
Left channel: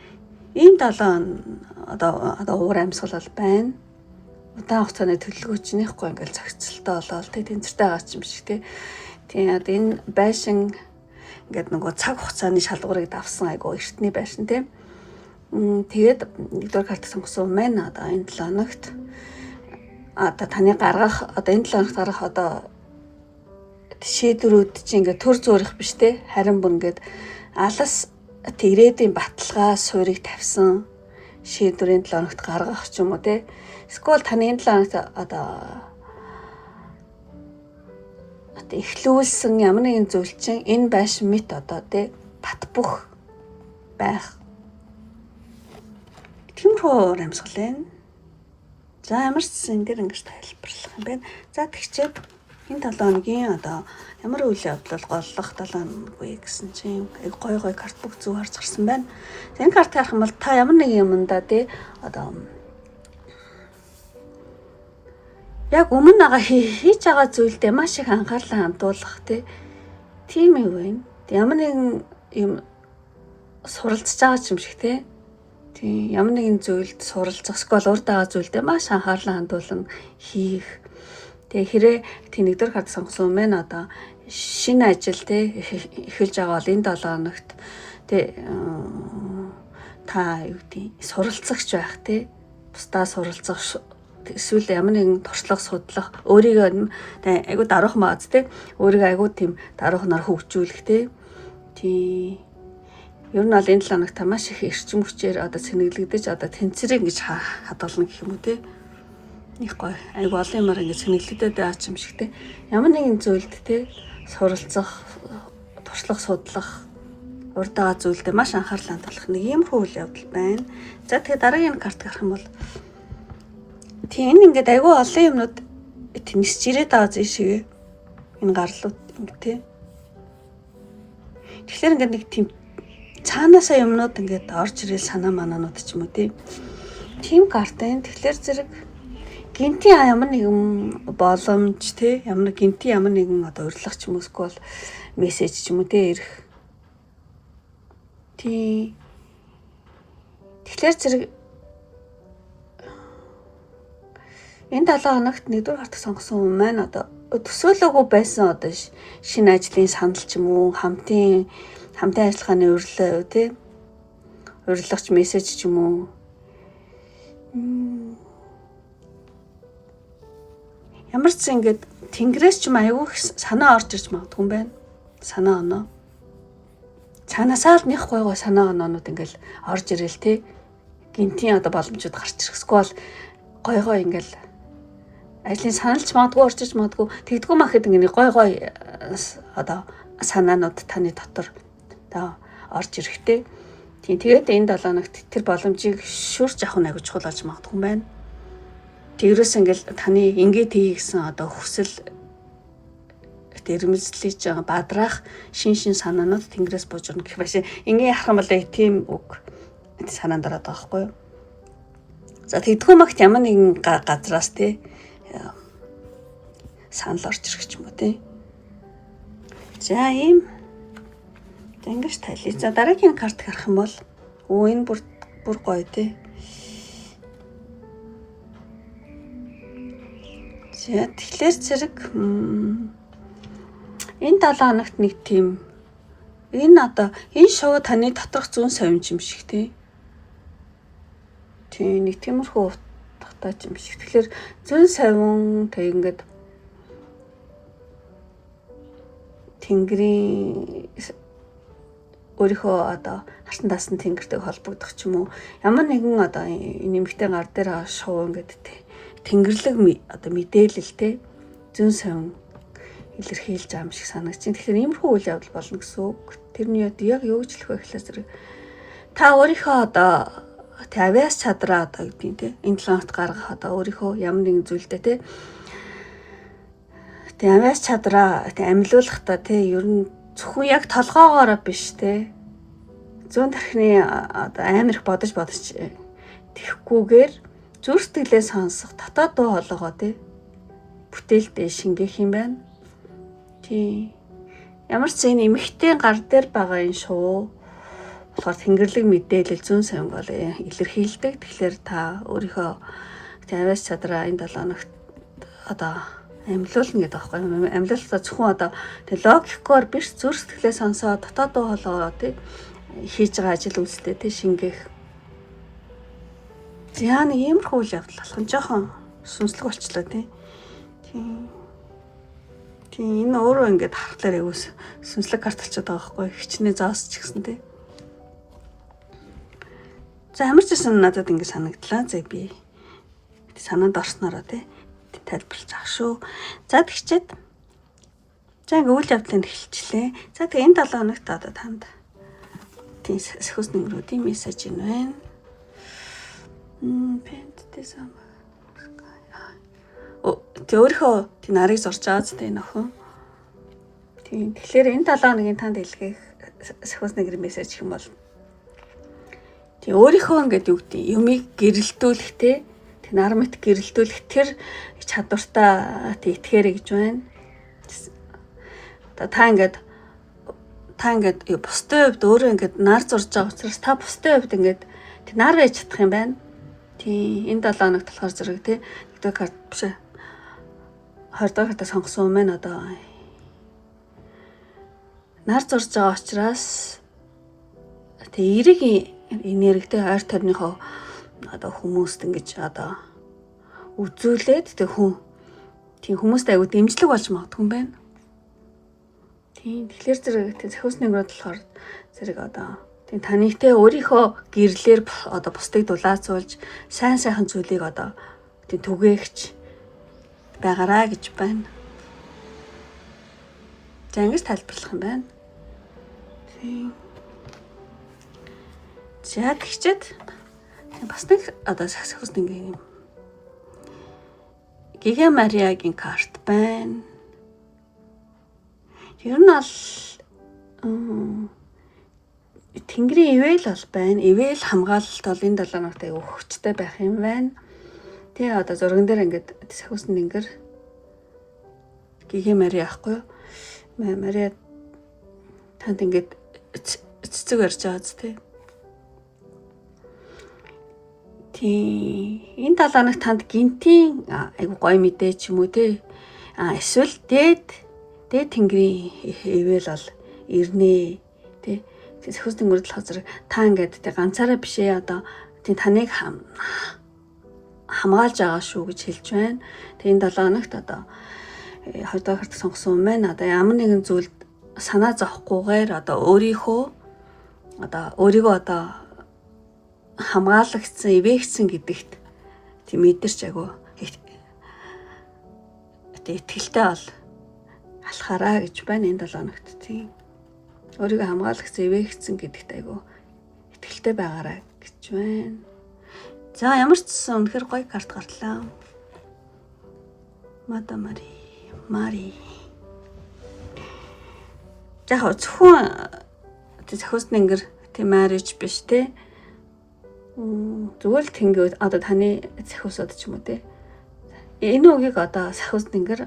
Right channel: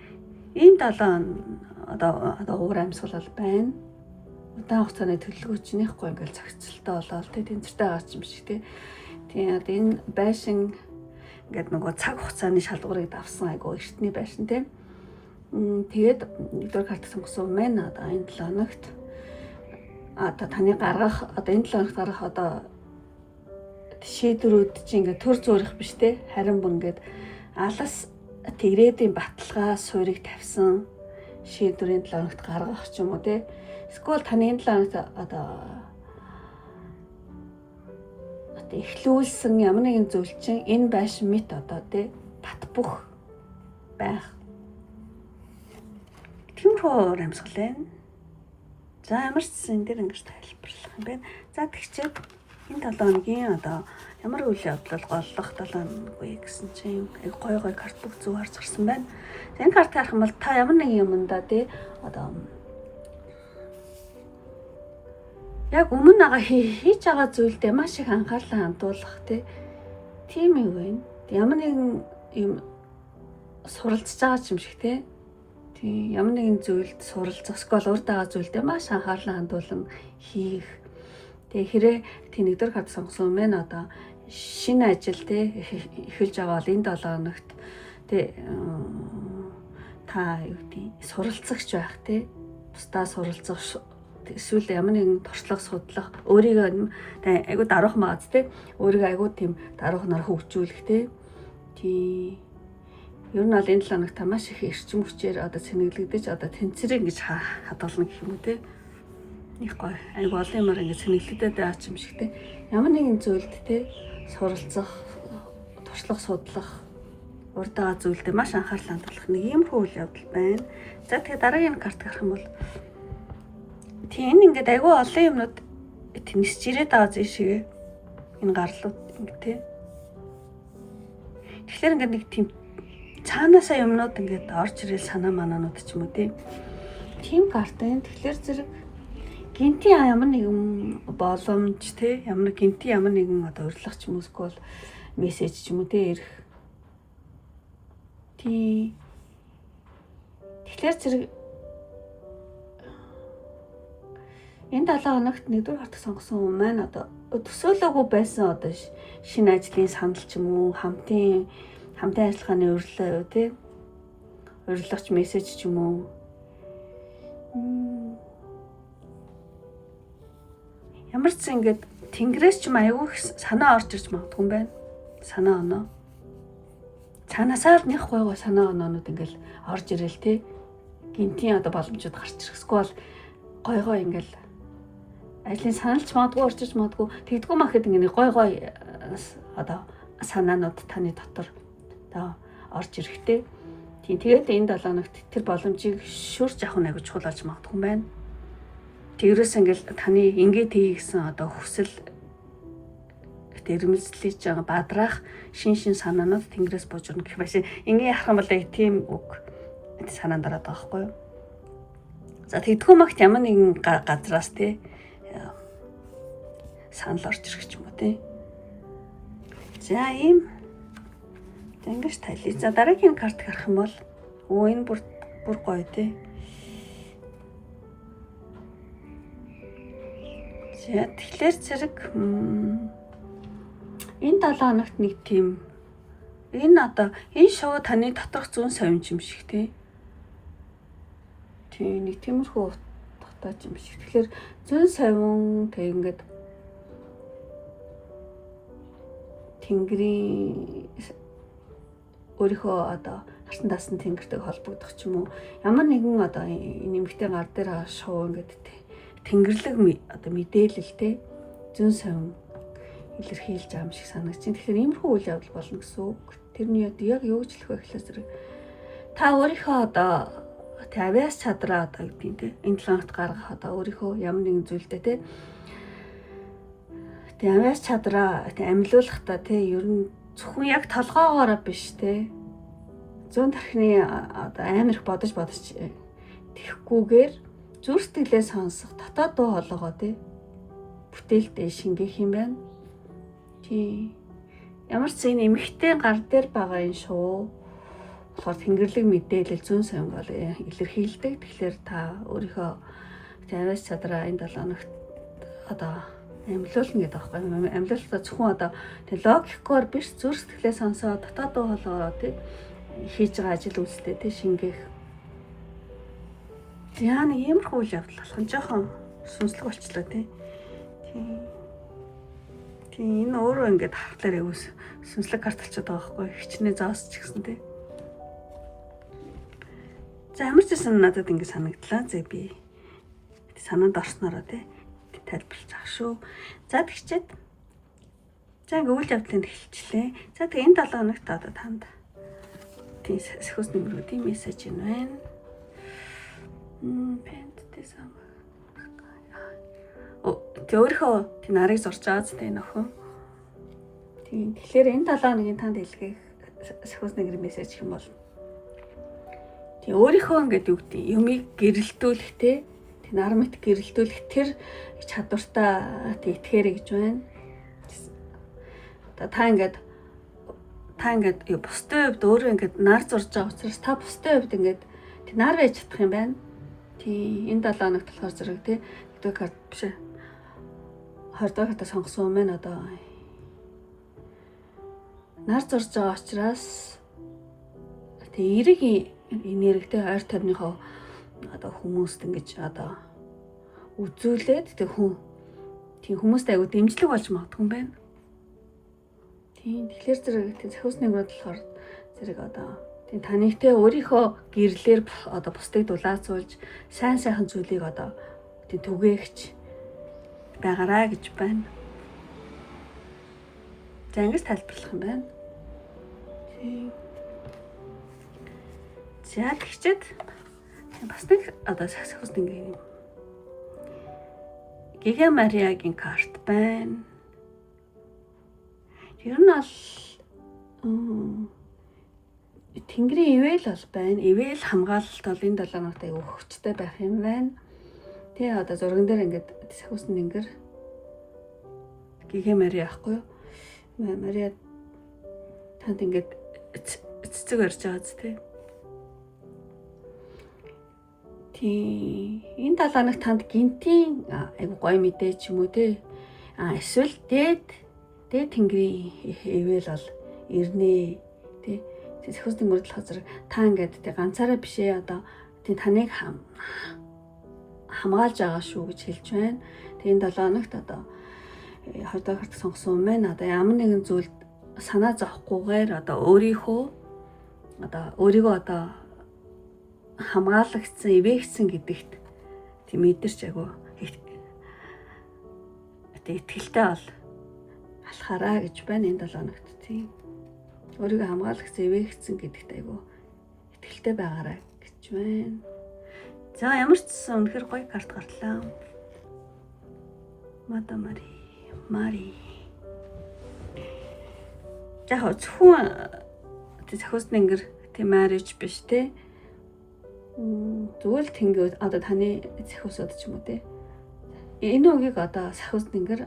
Ийм 7 одоо уур амьсгал бол байна. Удаан хугацааны төлөвлөгөө чинь нэхгүй ингээл зохицолтой болоод тий тэнцвэртэй байгаа юм шиг тий. Тийм одоо энэ байшин ингээд нөгөө цаг хугацааны шалгуурыг давсан айгуу эртний байшин тий. Тэгээд нэгдүгээр карт сонгосон маань одоо энэ 7 хоногт одоо таны гаргах одоо энэ 7 хоногт гаргах одоо шийдвэрүүд чинь ингээд төр зөөрөх биш тий. Харин бүр ингээд алас ирээдүйн баталгаа суурийг тавьсан шийдвэрийн 7 хоногт гаргах ч юм уу те. Эсвэл таны энэ 7 хоногт одоо эхлүүлсэн ямар нэгэн зүйл чинь энэ байшин мэт одоо те бат бөх байх. Тиймэрхүү амьсгал байна. За ямар ч зүйл дээр ингэж тайлбарлах юм байна. За тэгчээд энэ 7 хоногийн одоо ямар үйл явдал голлох 7 хоног вэ гэсэн чинь гой карт бүх зүг харж гарсан байна. Энэ карт харах юм бол та ямар нэг юмдаа тий одоо яг өмнө байгаа хийж байгаа зүйлдээ маш их анхаарлаа хандуулах тийм юм байна. Ямар нэгэн юм суралцж байгаа юм шиг тий. Тийм ямар нэгэн зүйлд суралцах эсвэл урд байгаа зүйлдээ маш анхаарлаа хандуулан хийх. Тэгээ хэрэг тийм нэгдүгээр карт сонгосон мэн одоо шинэ ажил тий эхэлж байгаа бол энэ 7 хоногт тий та юу гэдэг суралцагч байх тий бусдаа суралцах эсвэл ямар нэгэн туршлага судлах өөрийгөө айгуу даруухан бааз тий өөрийгөө айгуу тийм даруухнаар хөгжүүлэх тий ер нь бол энэ 7 хоногт маш их эрчим хүчээр одоо цэнэглэгдэж одоо тэнцвэрийг ингэж хадгална гэх юм уу тий Нэг гоё. Айгу олон юмар ингэ сэнэглэдэд байгаа юм шиг те. Ямар нэгэн зүйлд те суралцах, туршлах, судлах, урдаага зүйлдээ маш анхаарлаа хандуулах нэг иймэрхүү үйл явдал байна. За тэгээ дараагийн карт гарах юм бол тийм энэ ингээд айгүй олон юмнууд тэнцэж ирээд байгаа зүйл шиг энэ гарлууд ингээд тий. Тэгэхээр ингээд нэг тийм цаанаасаа юмнууд ингээд орж ирэл санаа манаанууд ч юм уу тий. Тийм карт байна. Тэгэхээр зэрэг гинтийн ямар нэгэн боломж тий ямар гинтийн ямар нэгэн одоо урилга ч юм уу эсвэл мессеж ч юм уу тий ирэх. Тий. Тэгэхээр зэрэг энэ 7 хоногт нэгдүгээр хартаг сонгосон хүн маань одоо төсөөлөөгүй байсан одоо шинэ ажлын санал ч юм уу хамтын ажиллагааны урилга тий урилгач мессеж ч юм уу ямар ч ингэж тэнгэрээс ч юм аягүй санаа орж ирж магадгүй юм байна. Санаа оноо. Цаанаасаа л нэг гой санаа оноонууд ингээл орж ирэл тий. Гинтийн одоо боломжууд гарч ирэхгүй бол гой ингээл ажлын саналч магадгүй орж ирж магадгүй тэгдэггүй махад ингээ гой одоо санаанууд таны дотор одоо орж ирэхтэй. Тийм тэгээд энэ 7 хоногт тэр боломжийг шүрж авах нь аягүй чухал болж магадгүй юм байна. Тэрээс ингээл таны ингээд хий гэсэн одоо хүсэл тэрмэлзлэж байгаа бадраах шин санаанууд тэнгэрээс бужирна гэх байсан. Ингээ ярах юм бол тийм үг санаанд ороод байгаа байхгүй юу? За тэгдэггүй магт ямар нэгэн газраас тий санал орж ирэх ч юм уу тий. За ийм ингэж тайлъя. За дараагийн карт харах юм бол энэ бүр гоё тий. За тэгэхээр зэрэг энэ 7 хоногт нэг тийм энэ одоо энэ шоу таны доторх зүүн совинч юм шиг тий. Тийм нэг тиймэрхүү утгатай юм шиг. Тэгэхээр зүүн совин тэг ингээд тэнгэрийн өөрийнхөө одоо хартан даасан тэнгэртэй холбогдох ч юм уу ямар нэгэн одоо нэмэгтэй гар дээр байгаа шоу ингээд тэнгэрлэг одоо мэдээлэл те зүүн совин илэрхийлж байгаа юм шиг санагдаж байна. Тэгэхээр иймэрхүү үйл явдал болно гэсэн үг. Тэрний яг юу гэж хэлэх вэ гэхлээр зэрэг та өөрийнхөө одоо авиас чадраа одоо гэдэг нь те энэ 7 хоногт гаргах одоо өөрийнхөө ямар нэгэн зүйлдээ те авиас чадраа амилуулахдаа те ер нь зөвхөн яг толгоогоороо биш те зүүн тархины одоо амар их бодож тэхгүйгээр зүрх сэтгэлээ сонсох дотоод дуу хоолойгоо тий бүтээлдээ шингээх юм байна. Тий. Ямар ч энэ эмэгтэй гар дээр байгаа энэ шоу болохоор тэнгэрлэг мэдээлэл зүүн совин бол илэрхийлдэг. Тэгэхээр та өөрийнхөө авиас чадраа энэ 7 хоногт одоо амилуулна гэдэг аахгүй юм. Амилуулалтаа зөвхөн одоо логикоор биш зүрх сэтгэлээ сонсоод дотоод дуу хоолойгоо тий хийж байгаа ажил үйлстэй тий шингээх. За нэг иймэрхүү үйл явдал болох нь жоохон сүнслэг болчлоо тий. Тийм энэ өөрөө ингээд харахаар аюус сүнслэг карт болчиход байгаа байхгүй хичнээн заос ч гэсэн тий. За ямар ч гэсэн надад ингээд санагдлаа. За би санаанд орснороо тий тайлбарлаж авах шүү. За тэгчээд за ингээд үйл явдлыг эхэлчихлээ. За тэгээ энэ 7 хоногт одоо танд тийм сэхүүс нэмрүүдийн мессеж юм байна. Пенттэй сам. Өөрийнхөө тийм нарыг зурж байгаа зү энэ охин. Тийм тэгэхээр энэ 7 хоногийн танд илгээх сэхүүс нэмрийн мессеж юм бол тийм өөрийнхөө ингээд юу гэдэг юмыг гэрэлтүүлэх те нар мэт гэрэлтүүлэх тэр чадвартаа итгэхэрэй гэж байна. Та ингээд бусдын хувьд өөрөө ингээд нар зурж байгаа учраас та бусдын хувьд ингээд нар байж чадах юм байна. Тий энэ 7 хоногт болохоор зэрэг тий нэгдүгээр карт биш ээ. 20 дахь картаа сонгосон юм байна одоо. Нар зурж байгаа учраас тий эрэг энергитэй ойр тойрныхоо одоо хүмүүст ингэж одоо үзүүлээд тэг тийм хүмүүст аягүй дэмжлэг болж магадгүй юм байна. Тийм тэгэхээр зэрэг тийм зохиос нэмрүүд болохоор зэрэг одоо тийм таныг те өөрийнхөө гэрлэр одоо бусдыг дулаацуулж сайн сайхан зүйлийг одоо тийм түгээгч байгаарай гэж байна. За ингэж тайлбарлах юм байна. Тийм. За тэгчээд бас нэг одоо саксофонист ингээм Гига Мариагийн карт байна. Ер нь бол Тэнгэрийн ивэл бол байна. Ивэл хамгаалалт бол энэ 7 хоногт аягүй хүчтэй байх юм байна. Тэгээ одоо зурган дээр ингээд саксофонист ингэр Гига Мари ахгүй юу? Мари танд ингээд цэцэг ярьж байгаа зү тий. Энэ 7 хоногт танд гинтийн айгу гоё мэдээ ч юм уу те. Эсвэл дээд тэнгэрийн ивэл бол ирнэ те. Саксофонист мөрдлөх зэрэг та ингээд те ганцаараа биш ээ одоо тий таныг хамгаалж байгаа шүү гэж хэлж байна. Тэгээ энэ 7 хоногт одоо 2 дахь карт сонгосон юм байна. Одоо ямар нэгэн зүйлд санаа зовхгүйгээр одоо өөрийгөө одоо хамгаалагдсан, ивээгдсэн гэдэгт тийм мэдэрч агуу итгэлтэй бол алхаараа гэж байна энэ 7 хоногт тийм. Өөрийгөө хамгаалагдсан, ивээгдсэн гэдэгт агуу итгэлтэй байгаарай гэж байна. За ямар ч гэсэн үнэхээр гоё карт гарлаа. Мада Мари. Яг зөвхөн саксофонист ингэр тийм marriage биш те. Зүгээр л тэнгүүд одоо таны саксофонист ч юм уу те. Энэ үгийг одоо саксофонист ингэр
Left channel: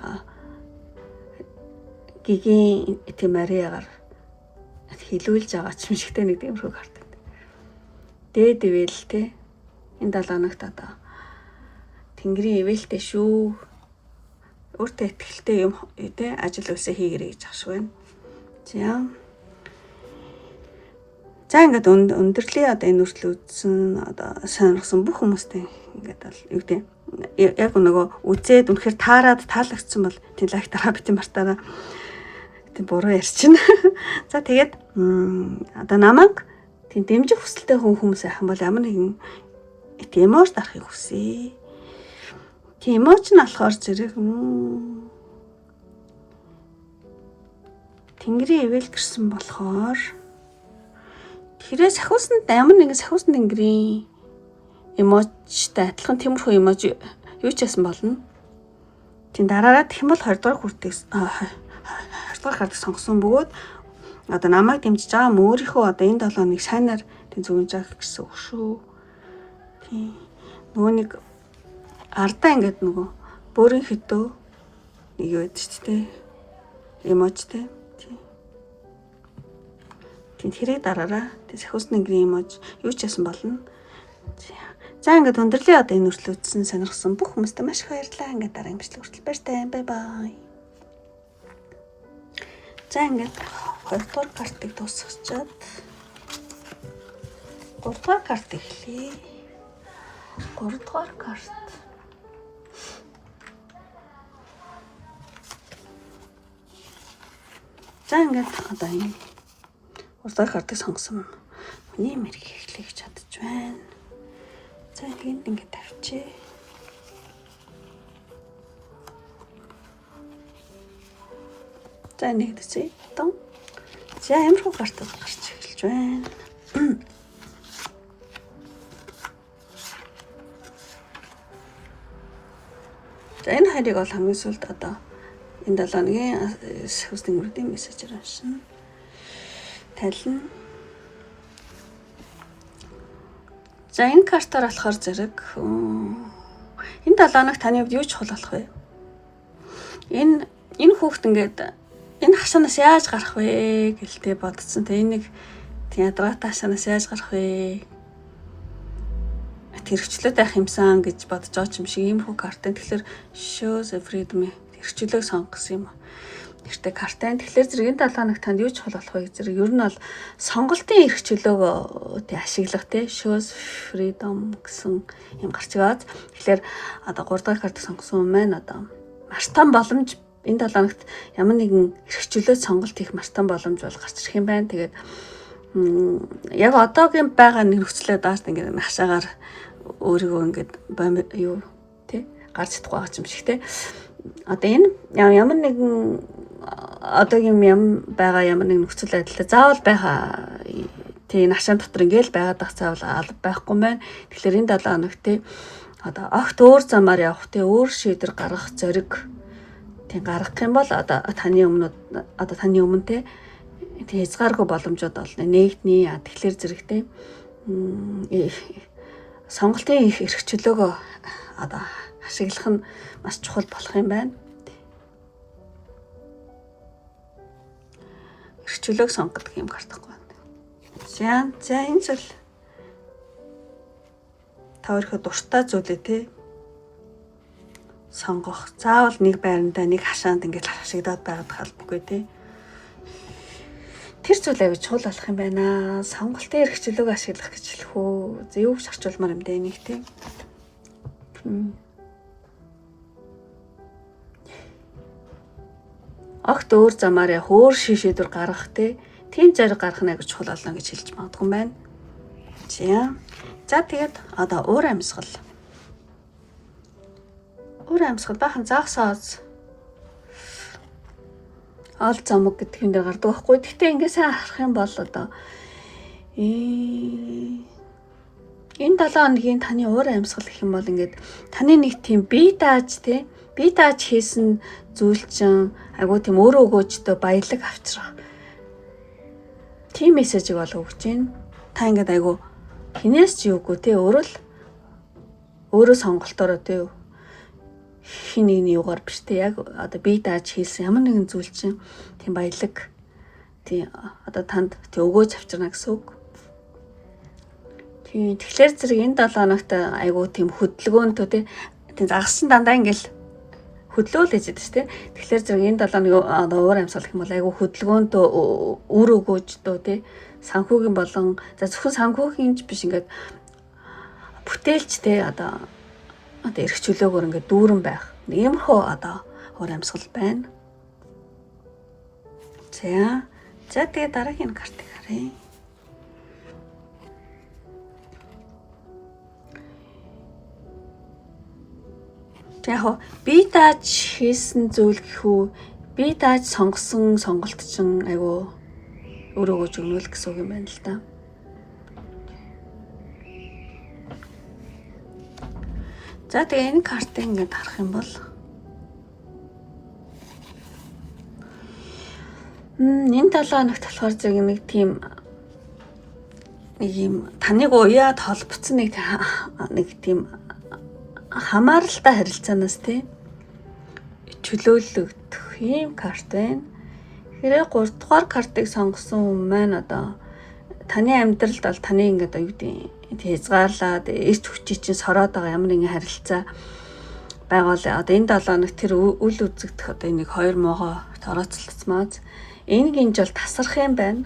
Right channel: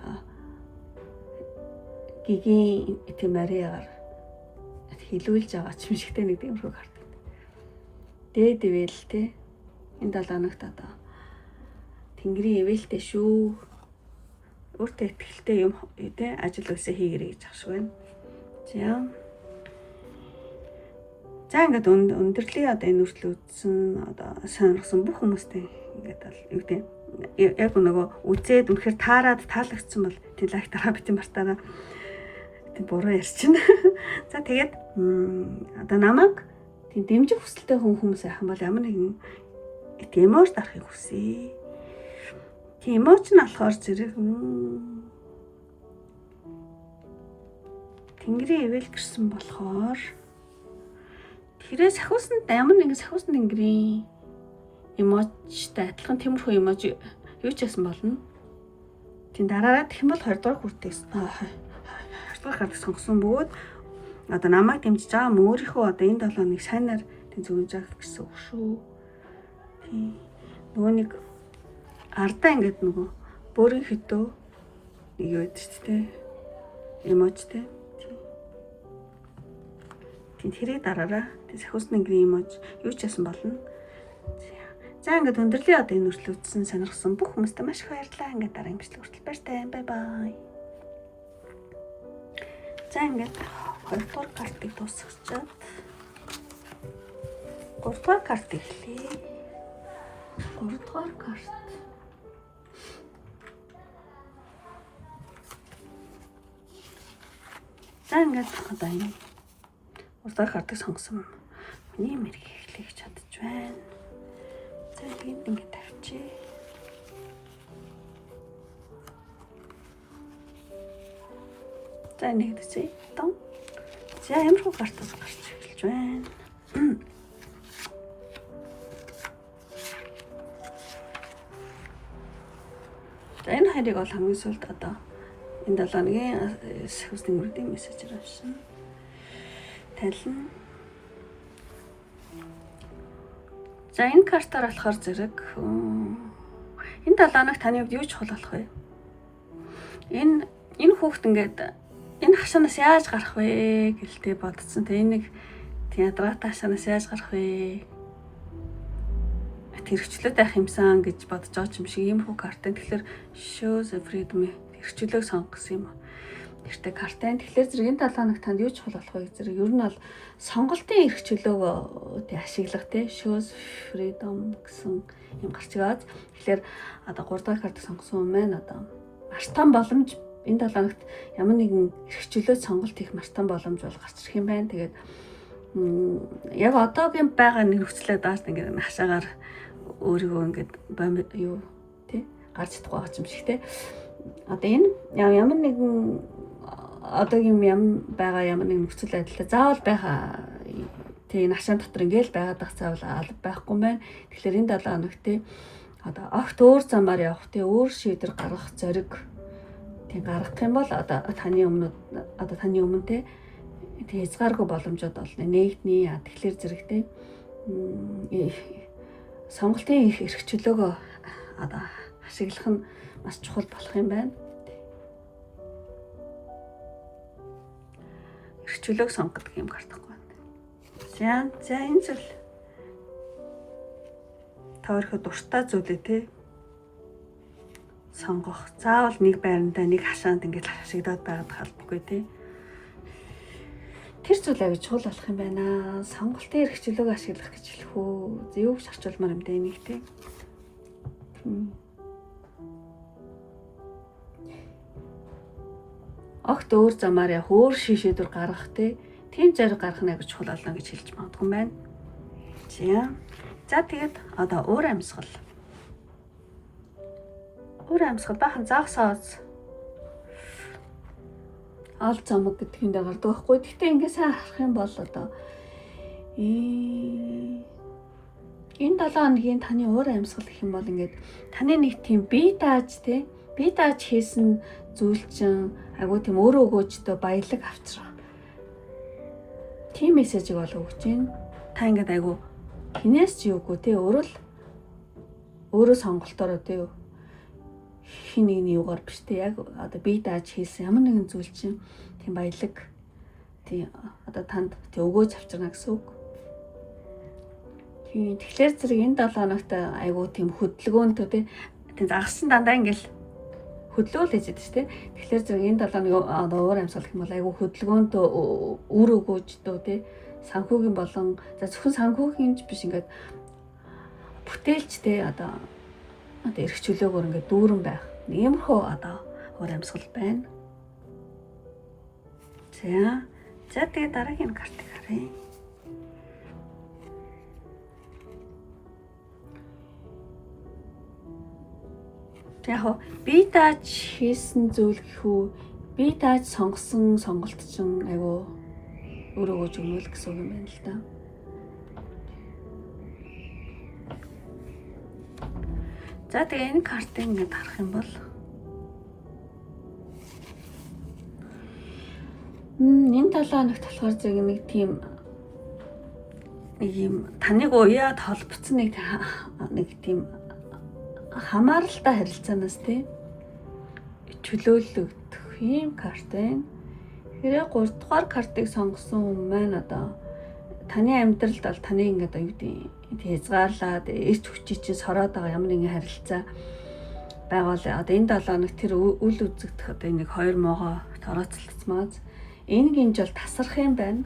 Гигийн тийм Мариагаар хэлүүлж байгаа ч юм шигтэй нэг тиймэрхүү карт байна. Дээд ивэл те. Энэ 7 хоногт одоо Тэнгэрийн ивэлтэй шүү. Өөртөө ихтэй юм те ажил өсөө хийгэрэй гэж ахш байна. За ингээд өндөрлөө одоо энэ үртэл үзсэн одоо сонирхсан бүх хүмүүстэй ингээд бол юу гэдэг яг нөгөө үзээд үнэхээр таалагдсан бол тийм лайк дараа бити мартаараа тийм буруу ярьчихна. За тэгээд одоо намайг тийм дэмжих хүсэлтэй хүмүүс айхан бол ямар нэгэн эмоц дарахыг хүсье. Тийм эмоц нь болохоор зэрэг Тэнгэрийн ивэл гэрсэн болохоор тэрээ саксофонист ямар нэгэн саксофонист тэнгэрийн эмоцтой адилхан тиймэрхүү эмоц юу ч ясан болно. Тийм дараараа тэгэх юм бол 20 дугаар хүртээс 20 дугаар карт сонгосон бөгөөд одоо намайг дэмжиж байгаа өөрийнхөө одоо энэ 7 хоног сайнаар тийм зөвнж авах гэсэн үг шүү. Тийм нөгөө нэг ардаа ингээд нөгөө бөөрийн хөдөө нэг юу гэдэг ч тийм эмоцтой. Тэрийг дараараа саксофонист тэнгэрийн эмоц юу ч ясан болно. За ингээд өндөрлөө одоо энэ үртэл үзсэн сонирхсан бүх хүмүүстээ маш их баярлалаа. Ингээд дараагийн бичлэг хүртэл баяртай. Бай бай. За ингээд 2 дугаар картыг дуусгачаад 3 дугаар карт эхлэе. 3 дугаар карт. За ингээд одоо энэ 3 дахь картыг сонгосон. Миний мэрэг эхлэе гэж чадж байна. За ингээд тавьчих. За нэгдэсэй. Тон. За ямархуу картууд гарч эхэлж байна. За энэ хайрыг бол хамгийн сүүлд одоо энэ 7 хоногийн саксофонист тэнгэрийн мессежээр авсан. Талин. За энэ картаар болохоор зэрэг энэ 7 хоног таны хувьд юу чухал болох вэ? Энэ хүүхд ингээд энэ хашаанаас яаж гарах вэ гэлтэй бодсон. Тэ энэ нэг ядраатай хашаанаас яаж гарах вэ? Тэрхчлээд байх юмсан гэж бодож байгаа юм шиг ийм хүү картын. Тэгэхээр shows freedom тэрхчлөөг сонгосон юм. Тэртээ картын. Тэгэхээр зэрэг энэ 7 хоног танд юу чухал болох вэ? Зэрэг ер нь бол сонголтын эрх чөлөөг ашиглах тий shows freedom гэсэн юм гарч байгаад. Тэгэхээр одоо 3 дахь картыг сонгосон юм байна. Одоо маш том боломж энэ 7 хоногт ямар нэгэн эрх чөлөө сонголт хийх маш том боломж бол гарч ирэх юм байна. Тэгээд яг одоогийн байгаа нөхцөлөө дааш ингээд хашаагаар өөрийгөө ингээд юу тий гарч чадахгүй байгаа юм шиг те. Одоо энэ ямар нэгэн одоогийн юм байгаа ямар нэг нөхцөл байдлаа заавал байха тий нашаан дотор ингээл байгаад байх заавал алба байхгүй байна. Тэгэхээр энэ 7 хоног тий одоо огт өөр замаар явах тий өөр шийдвэр гаргах зориг тий гаргах юм бол одоо таны өмнө тий хязгааргүй боломжууд олно. Нэгдний тэгэхээр зэрэгтэй сонголтын их эрх чөлөөгөө одоо ашиглах нь маш чухал болох юм байна. Эрх чөлөөг сонгодог юм гартахгүй байна. За энэ зүйл та өөрийнхөө дуртай зүйлээ те сонгох. Заавал нэг байрандаа нэг хашаанд ингэж хашигдаад байгаад халбгүй те. Тэр зүйл авиж чухал болох юм байна. Сонголтын эрх чөлөөг ашиглах гэж хэлэх үү. Юу гэж орчуулмаар юм бэ энийг те. Огт өөр замаар явах, өөр шийдвэр гаргах те. Тийм зориг гаргах нь гэж чухал болно гэж хэлж магадгүй юм байна. За тэгээд одоо уур амьсгал. Уур амьсгал бахан заагсаац ол замг гэдэг юм дээр гардаг байхгүй. Гэхдээ ингээ сайн харах юм бол одоо энэ 7 хоногийн таны уур амьсгал гэх юм бол ингээд таны нэг тийм бие дааж хийсэн зүйл чинь айгуу тийм өөрөө өгөөжтэй баялаг авчрах. Тийм мессежийг бол өгч байна. Та ингээд айгуу хинээс ч юугүй те өөрөө сонголтоороо те хин нэгний юугаар биш те яг одоо бие дааж хийсэн ямар нэгэн зүйл чинь тийм баялаг тийм одоо танд тийм өгөөж авчирна гэсэн үг. Тийм тэгэхээр зэрэг энэ 7 хоногт айгуу тийм хөдөлгөөнтэй тийм загас чинь дандаа ингээл хөдлөөл ээжэд шүү дээ. Тэгэхээр зэрэг энэ 7 хоног одоо уур амьсгал гэх юм бол айгуу хөдөлгөөнтэй үр өгөөжтэй те санхүүгийн болон зөвхөн санхүүгийн биш ингээд бүтээлч те одоо эрх чөлөөгөөр ингээд дүүрэн байх. Иймэрхүү одоо уур амьсгал байна. За тэгээ дараагийн картыг харъя. Яг бие дааж хийсэн зүйл гэхүү бие дааж сонгосон сонголт чинь айгүй өөрөө өгнөл гэсэн үг юм байна л да. За тэгээ энэ картыг ингээд харах юм бол энэ 7 хоногт болохоор зэрэг нэг юм таныг уяад холбоцсон нэг тийм хамааралтай харилцаанаас тий чөлөөлөгдөх ийм карт байна. Тэгэхээр 3 дугаар картыг сонгосон хүн маань одоо таны амьдралд бол таны ингээд юу гэдэг хязгаарлаад эрч хүчий чинь сороод байгаа ямар нэгэн харилцаа байгаа л одоо энэ 7 хоног тэр үл үзэгдэх одоо нэг 2 могоо орооцолцмааз энэ гинж бол тасрах юм байна.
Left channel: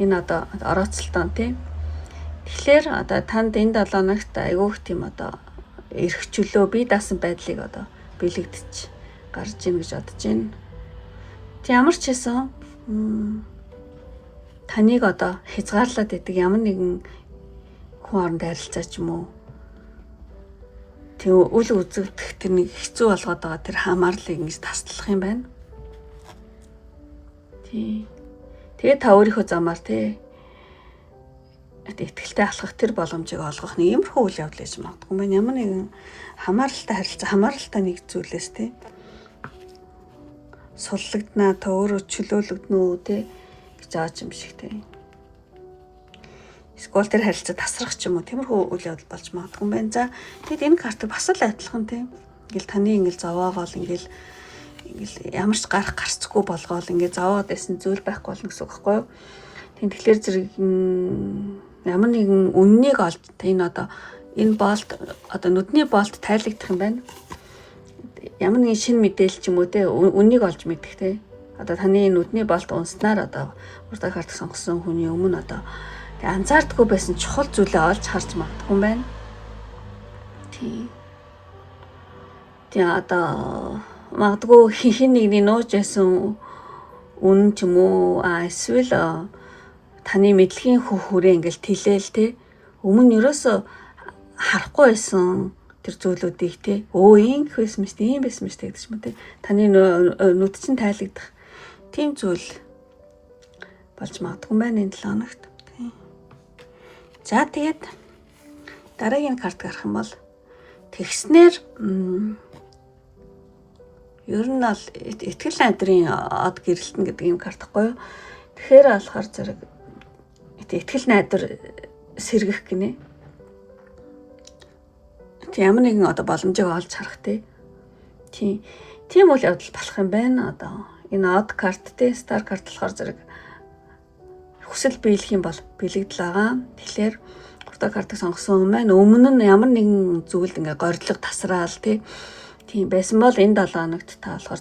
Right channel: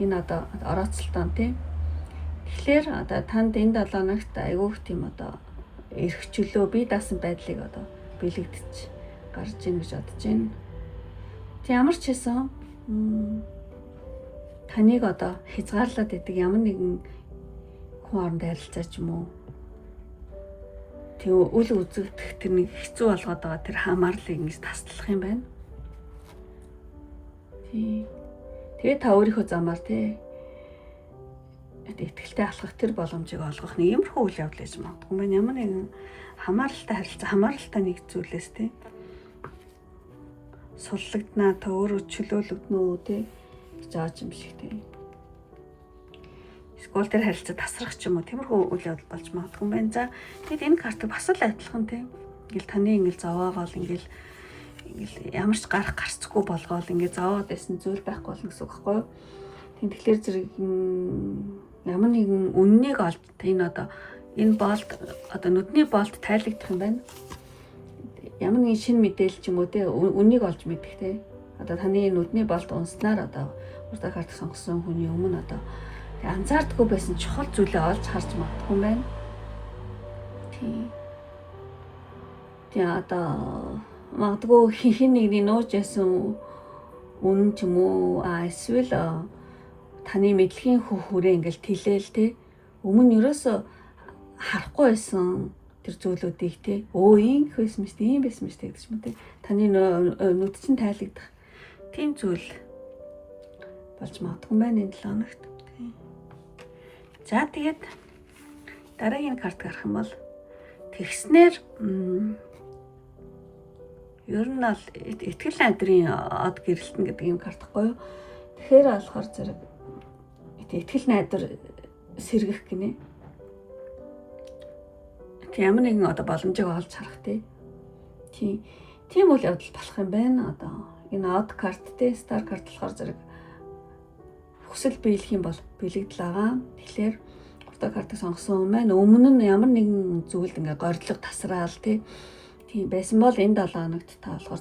Энэ одоо орооцолтон тий. Тэгэхээр одоо танд энэ 7 хоногт айгүйх тийм одоо эрх чөлөө бие даасан байдлыг одоо бэлэгдэж гарч ийн гэж бодож байна. Тэг ямар ч хэсэн таныг одоо хязгаарлаад идэг ямар нэгэн хүн оронд харилцаа ч юм уу тэг үл үзэгдэх тэр нэг хэцүү болгоод байгаа тэр хамаарлыг ингэж таслах юм байна. Тэгээ та өөрийнхөө замаар итгэлтэй алхах тэр боломжийг олгох нэг иймэрхүү үйл явдал гэж магадгүй байна. Ямар нэгэн хамааралтай харилцаа, хамааралтай нэг зүйлээс суллагднаа та өөрөө чөлөөлөгднө үү гэж байгаа юм шиг Эсвэл тэр харилцаа тасрах ч юм уу тиймэрхүү үйл явдал болж магадгүй байна. За тэгэд энэ картыг бас л адилхан ингээл таны ингээл зовоогоол ингээл ямар ч гарцгүй болгоол ингээд зовоод байсан зүйл байхгүй болно гэсэн үг байхгүй юу? Тэгэхээр зэрэг ямар нэгэн үннийг олж энэ одоо энэ болт одоо нүдний болт тайлагдах юм байна. Ямар нэгэн шинэ мэдээлэл ч юм уу үннийг олж мэдэх одоо таны нүдний болт унснаар одоо урд карт сонгосон хүний өмнө одоо анзаардаггүй байсан чухал зүйлээ олж харж магадгүй юм байна. Тэгээ одоо магадгүй хин нэгний нууж байсан үнэн ч юм уу эсвэл таны мэдлэгийн хүрээ ингээл тэлээл өмнө ерөөсө харахгүй байсан тэр зүйлүүдийг те ийм гэх байсан мэт ийм байсан мэт гэдэг ч юм те таны нүд чинь тайлагдах тийм зүйл болж магадгүй байна энэ 7 хоногт. За тэгээд дараагийн карт гарах юм бол тэгснээр ер нь бол итгэл найдрын од гэрэлтэн гэдэг юм карт гэхгүй юу. Тэгэхээр болохоор зэрэг итгэл найдар сэргэх гинэ. Ямар нэгэн одоо боломжийг олж харах тийм үйл явдал болох юм байна. Одоо энэ од карт стар карт болохоор зэрэг хүсэл биелэх юм бол бэлэгдэл байгаа. Тэгэхээр 3 дахь картыг сонгосон юм байна. Өмнө нь ямар нэгэн зүйлд ингээ горилго тасраал тийм байсан бол энэ 7 хоногт та болохоор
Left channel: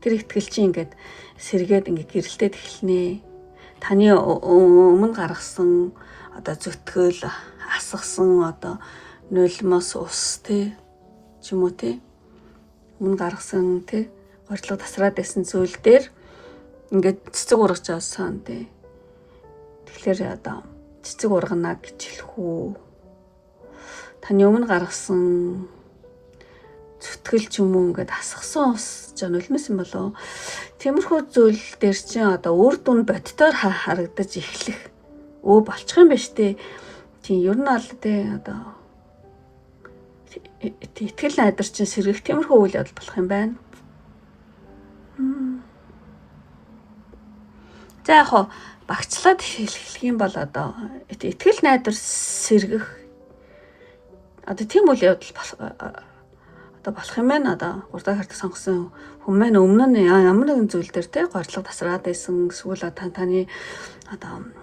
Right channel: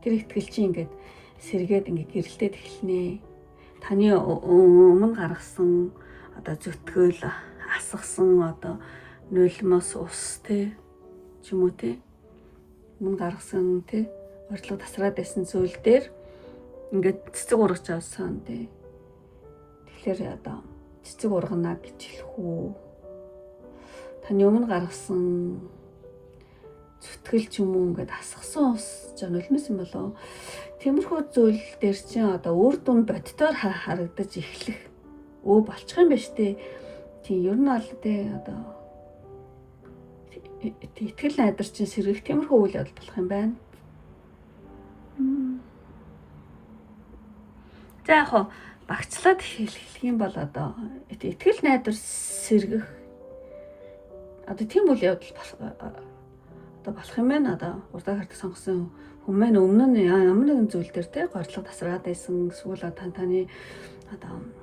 тэр итгэл чинь ингээд сэргээд ингээ гэрэлтээд эхэлнэ. Таны өмнө гаргасан одоо зүтгэл асгасан одоо нулимос ус ч юм уу өмнө гаргасан горилго тасраад байсан зүйл дээр ингээд цэцэг ургаж авсан тэгэхээр одоо цэцэг ургана гэж хэлэх үү? Таны өмнө гаргасан зүтгэл ч юм уу ингээд асгасан ус нулимос юм болоо. Тиймэрхүү зүйл дээр чинь одоо үр дүн бодтоор харагдаж эхлэх болчих юм ба штэ. Тийм ер нь бол одоо итгэл найдар чинь сэргэх тиймэрхүү үйл явдал болох юм байна. За яг багцлаад хэлэх юм бол одоо итгэл найдар сэргэх одоо тийм үйл явдал болох юм байна. Одоо 3 дахь картыг сонгосон хүн маань өмнө нь ямар нэгэн зүйл дээр горилго тасраад байсан эсвэл таны одоо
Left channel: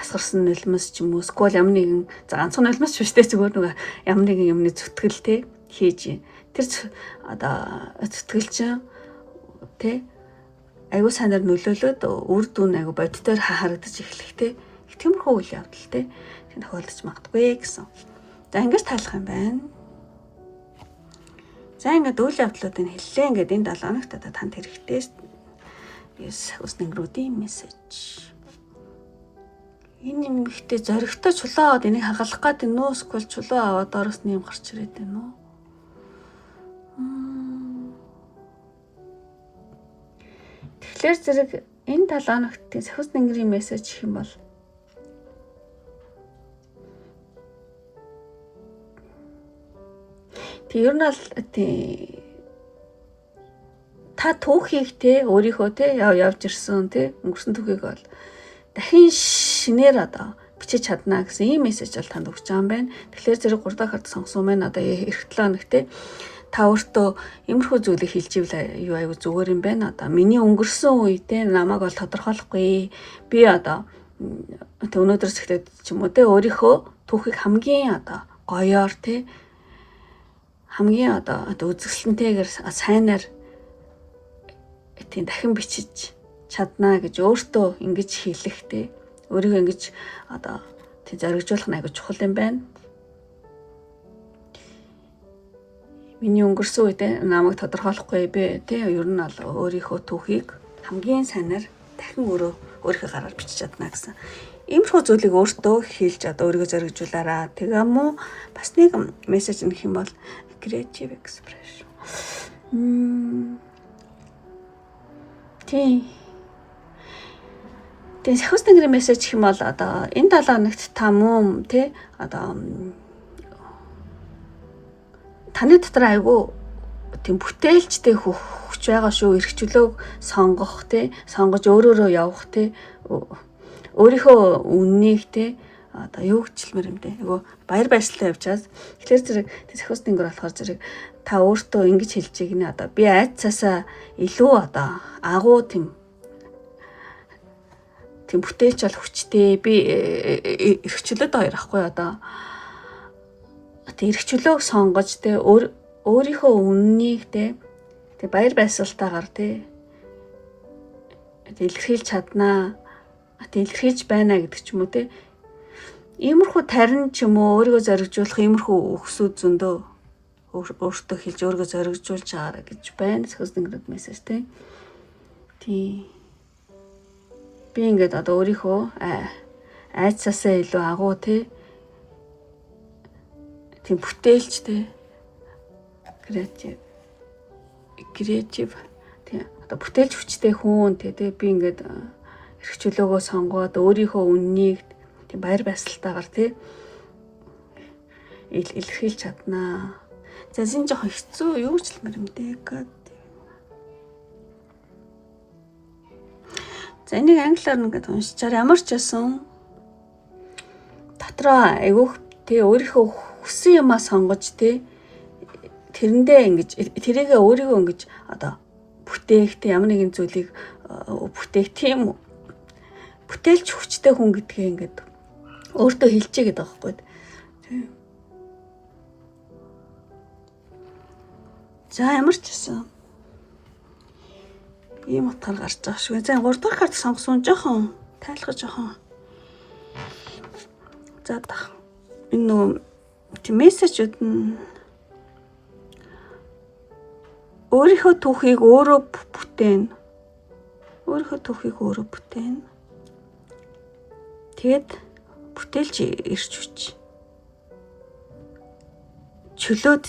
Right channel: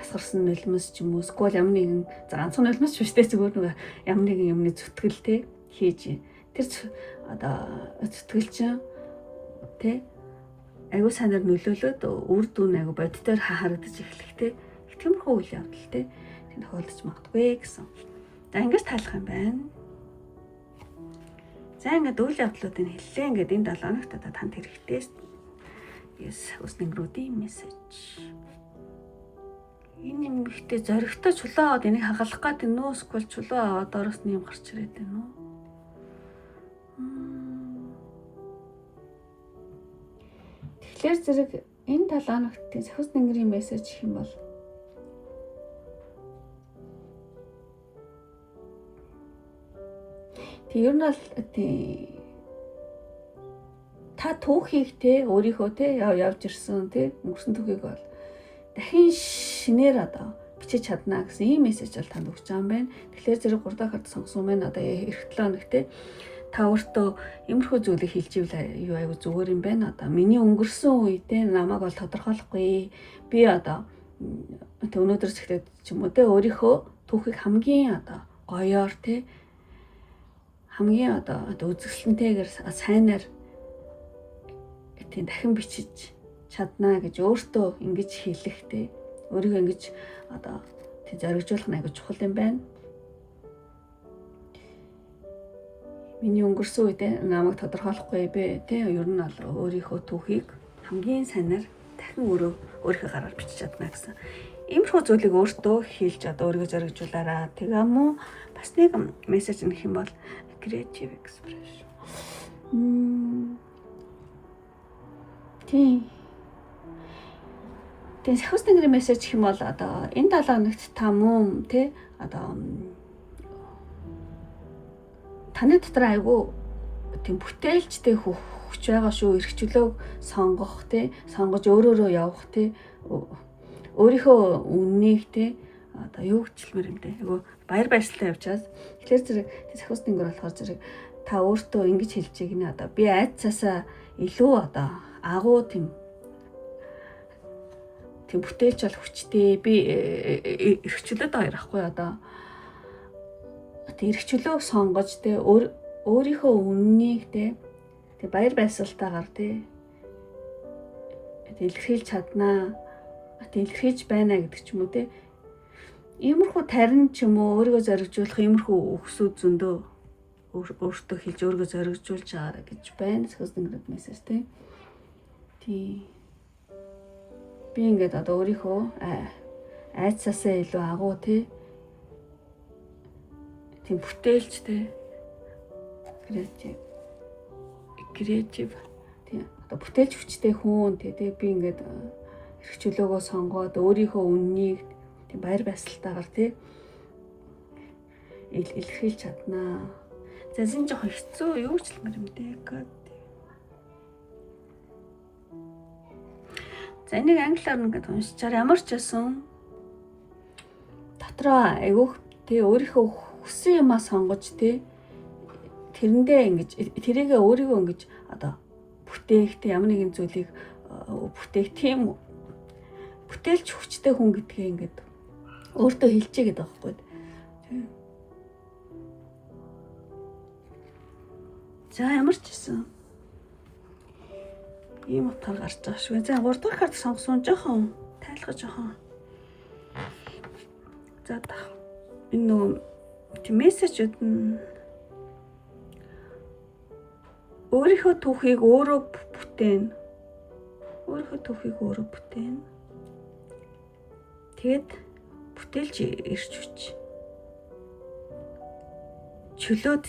асгарсан нулимос ч юм уу эсвэл ямар нэгэн ганцхан нулимос биш зүгээр нөгөө ямар нэгэн юмны зүтгэл хийж тэр одоо зүтгэл чинь аюу санаар нөлөөлөд үр дүн аюу бодтоор харагдаж эхлэх тиймэрхүү үйл явдал тийм тохиолдож магадгүй гэсэн. За ингэж тайлах юм байна. За ингээд үйл явдлуудыг хэллээ. Ингээд энэ 7 хоногт одоо танд хэрэгтэй ус нэнгэрүүдийн мессеж. Энэ юм ихтэй зоригтой чулуу аваад энийг хагалах гэдэг нөө эсвэл чулуу аваад доороос нь юм гарч ирээд байна уу? Тэгэхээр зэрэг энэ 7 хоногтын сахиус нэнгэрийн мессеж гэх юм бол ер нь л та түүхийг өөрийнхөө явж ирсэн өнгөрсөн түүхийг бол дахин шинээр одоо бичиж чадна гэсэн ийм мессеж бол танд өгч байгаа юм байна. Тэгэхээр зэрэг 3 дахь карт сонгосон байна. Одоо эх 7 хоног та өөртөө иймэрхүү зүйлийг хэлж ивэл юу аягүй зүгээр юм байна. Одоо миний өнгөрсөн үедээ намайг бол тодорхойлохгүй. Би одоо өнөөдрөөс эхлээд ч юм уу өөрийнхөө түүхийг хамгийн одоо гоёор хамгийн одоо үзэсгэлэнтэйгээр сайнаар дахин бичиж чадна гэж өөртөө ингэж хэлэх өөрийгөө ингэж одоо зоригжуулах нь аягүй чухал юм байна. Миний өнгөрсөн үедээ намайг тодорхойлохгүй би ер нь бол өөрийнхөө түүхийг хамгийн сайнаар дахин өөрийнхөө гараар бичиж чадна гэсэн. Иймэрхүү зүйлийг өөртөө хэлж одоо өөрийгөө зоригжуулаарай. Тэгээ мөн бас нэг мессеж нэх юм бол creative expression. Тэгээ сахиус нэнгэрийн мессеж гэх юм бол одоо энэ 7 хоногт та мөн одоо таны дотор айгүй тийм бүтээлчтэй хүч байгаа шүү. Эрх чөлөөг сонгох сонгож өөрөөрөө явах өөрийнхөө үннийг одоо юу гिचлмэр юм айгүй баяр баясгалан явж байгаа. Тэгэхээр зэрэг сахиус нэнгэр болохоор зэрэг та өөртөө ингэж хэлж ийнэ одоо би айцаасаа илүү одоо агуу тийм бүтээлч бол хүчтэй би эрх чөлөөд хоёр ахгүй одоо эрх чөлөөг сонгож өөрийнхөө үннийг баяр баясгалтайгаар илэрхийлж чаднаа илэрхийлж байна гэдэг ч юм уу иймэрхүү тарин ч юм уу өөрийгөө зоригжуулах иймэрхүү өгсүүд зөндөө өөртөө хэлж өөрийгөө зоригжуулж байгаарай гэж байна. Сахиус нэнгэрийн мессеж би ингээд одоо өөрийнхөө айцаасаа илүү агуу тийм бүтээлчтэй креатив тийм одоо бүтээлч хүчтэй хүн тэгээ би ингээд эрх чөлөөгөө сонгоод өөрийнхөө үннийг тийм баяр баясгалтайгаар тийм илэрхийлж чаднаа. За зин жоохон хэцүү юу ч л юм дээ. За энийг англиар ингээд уншичаар ямар ч байсан дотроо айгүйх тий өөрийнхөө хүссэн юмаа сонгож тий тэрэндээ ингэж тэрийгээ өөрийгөө ингэж одоо бүтээх тий ямар нэгэн зүйлийг бүтээх тийм бүтээлч хүчтэй хүн гэдгээ ингээд өөртөө хэлчихье гэдэг байхгүй тий. За ямар ч байсан ийм утгаар гарч байгаа шүү. За 3 дахь карт сонгосон жоохон тайлхаж жоохон. За энэ нөө мессежүүд нь өөрийнхөө түүхийг өөрөө бүтээн. Тэгэд бүтээлч ирч хүч. Чөлөөд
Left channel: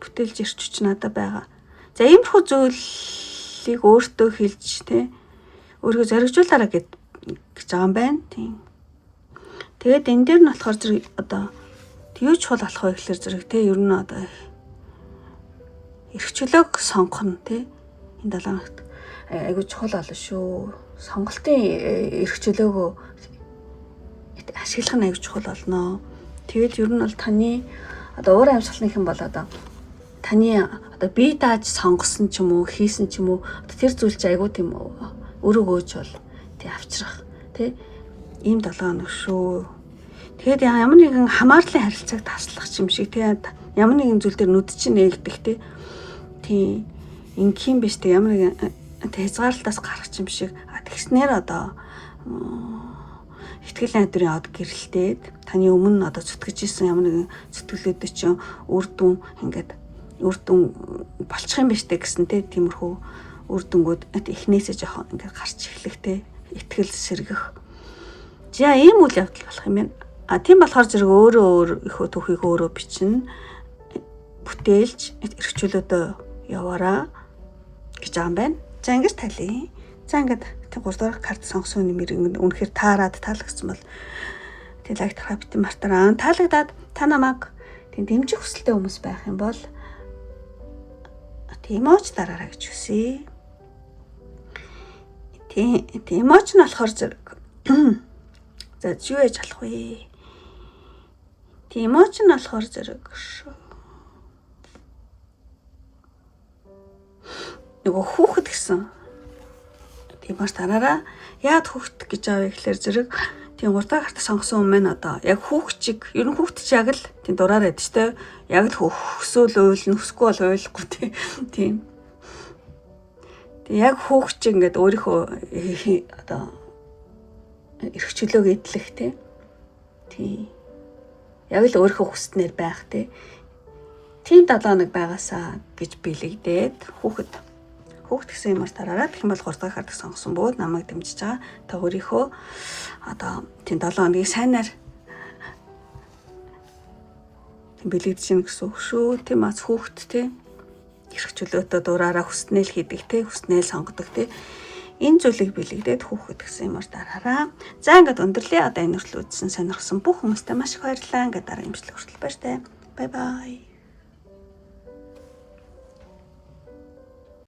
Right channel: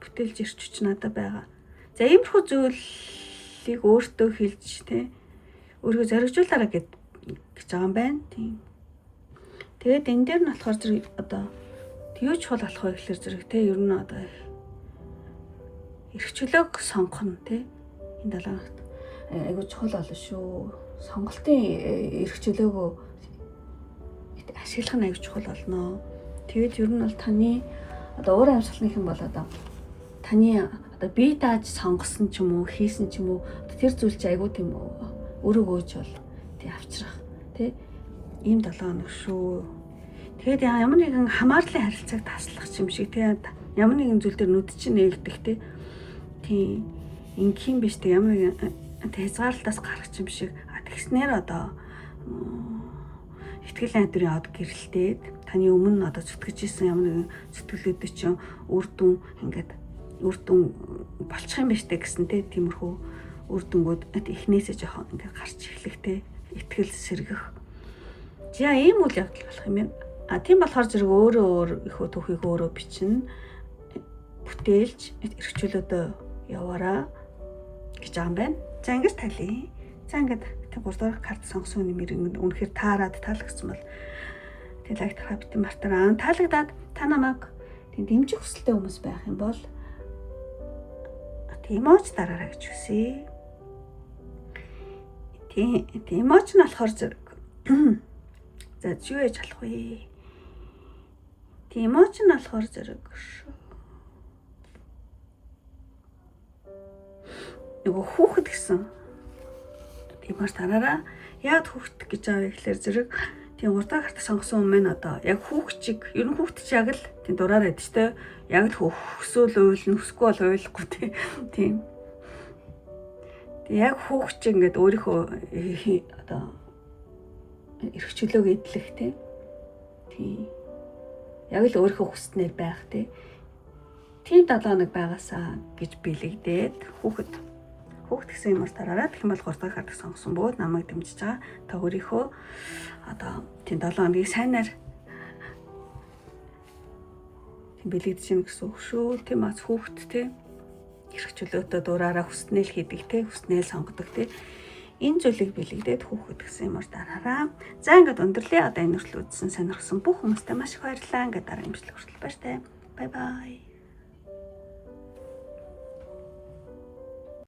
бүтээлч ирч хүч надад байгаа. За иймэрхүү зүйлийг өөртөө хэлж тий өөрийгөө зоригжуулаарай гэж байгаа юм байна. Тийм. Тэгээд энэ дээр нь болохоор зэрэг одоо юу чухал болох вэ гэхээр зэрэг тий ер нь одоо эрх чөлөөг сонгох нь тий энэ 7 хоногт айгүй чухал болно шүү. Сонголтын эрх чөлөөгөө ашиглах нь айгүй чухал болно. Тэгээд ер нь бол таны одоо өөр амьсгалынх юм бол одоо таны одоо бие дааж сонгосон ч юм уу хийсэн ч юм уу тэр зүйл чи айгүй тийм өрөөгөөж бол тий авчрах тий ийм 7 хоног шүү. Тэгээд ямар нэгэн хамаарлын харилцааг таслах юм шиг тий ямар нэгэн зүйл дээр нүд чинь нээгдэх тий ингийн биш тий ямар нэгэн хязгаарлалтаас гарах юм шиг тэгснээр одоо ихтгэлийн айдварын од гэрэлтээд таны өмнө одоо зүтгэж исэн ямар нэгэн зүтгэлүүдээ чинь үр дүн болчих юм биш үү гэсэн тиймэрхүү үр дүнгууд эхнээсээ жоохон ингээд гарч эхлэх итгэл сэргэх. За ийм үйл явдал болох юм байна. Тийм болохоор зэрэг өөрөө их түүхийг өөрөө бичнэ. Бүтээлж эрх чөлөөдөө яваараа гэж байгаа юм байна. За ингэж талий. За ингээд 3 дахь карт сонгосон нэмэр үнэхээр таалагдсан бол тэг лайк тарах битэн мартараа. Таалагдаад та намайг дэмжих хүсэлтэй хүмүүс байх юм бол эмоч дараарай гэж хүсье. Эмоч нь болохоор зэрэг за юу яж алах вэ? Эмоч нь болохоор зэрэг нөгөө хүүхэд гэсэн. Эмоч дараараа яад хүүхэд гэж аавь гэхэлэр зэрэг тийм 3 дахь карт сонгосон юм байна одоо. Яг хүүхчиг ер нь хүүхэд ч яг л тийм дураараа байдаг ч яг л хөсөөл уйлна, хөсгүй бол уйлахгүй тийм. Тэг яг хүүхч ингээд өөрийнхөө одоо эрх чөлөөг эдлэх тийм. Яг л өөрийнхөө хүснээр байх тийм 7 хоног байгаасаа гэж бэлэгдээд хүүхэд гэсэн юмар тараараа тэгэх юм бол 3 дахь карт сонгосон бөгөөд намайг дэмжиж байгаа. Та өөрийнхөө одоо тийм 7 хоногийг сайнаар бэлэгдэж гин гэсэн үг шүү. Тийм аз хүүхэд тийм эрх чөлөөтэй дураараа хүснээл хийдэг тийм хүснээл сонгодог тийм энэ зүйлийг бэлэгдээд хүүхэд гэсэн юмар дараараа. За ингээд өндөрлөө одоо энэ хүртэл үзсэн сонирхсан бүх хүмүүстээ маш их баярлалаа. Ингээд дараа имжлэг хүртэл баяртай. Бай бай.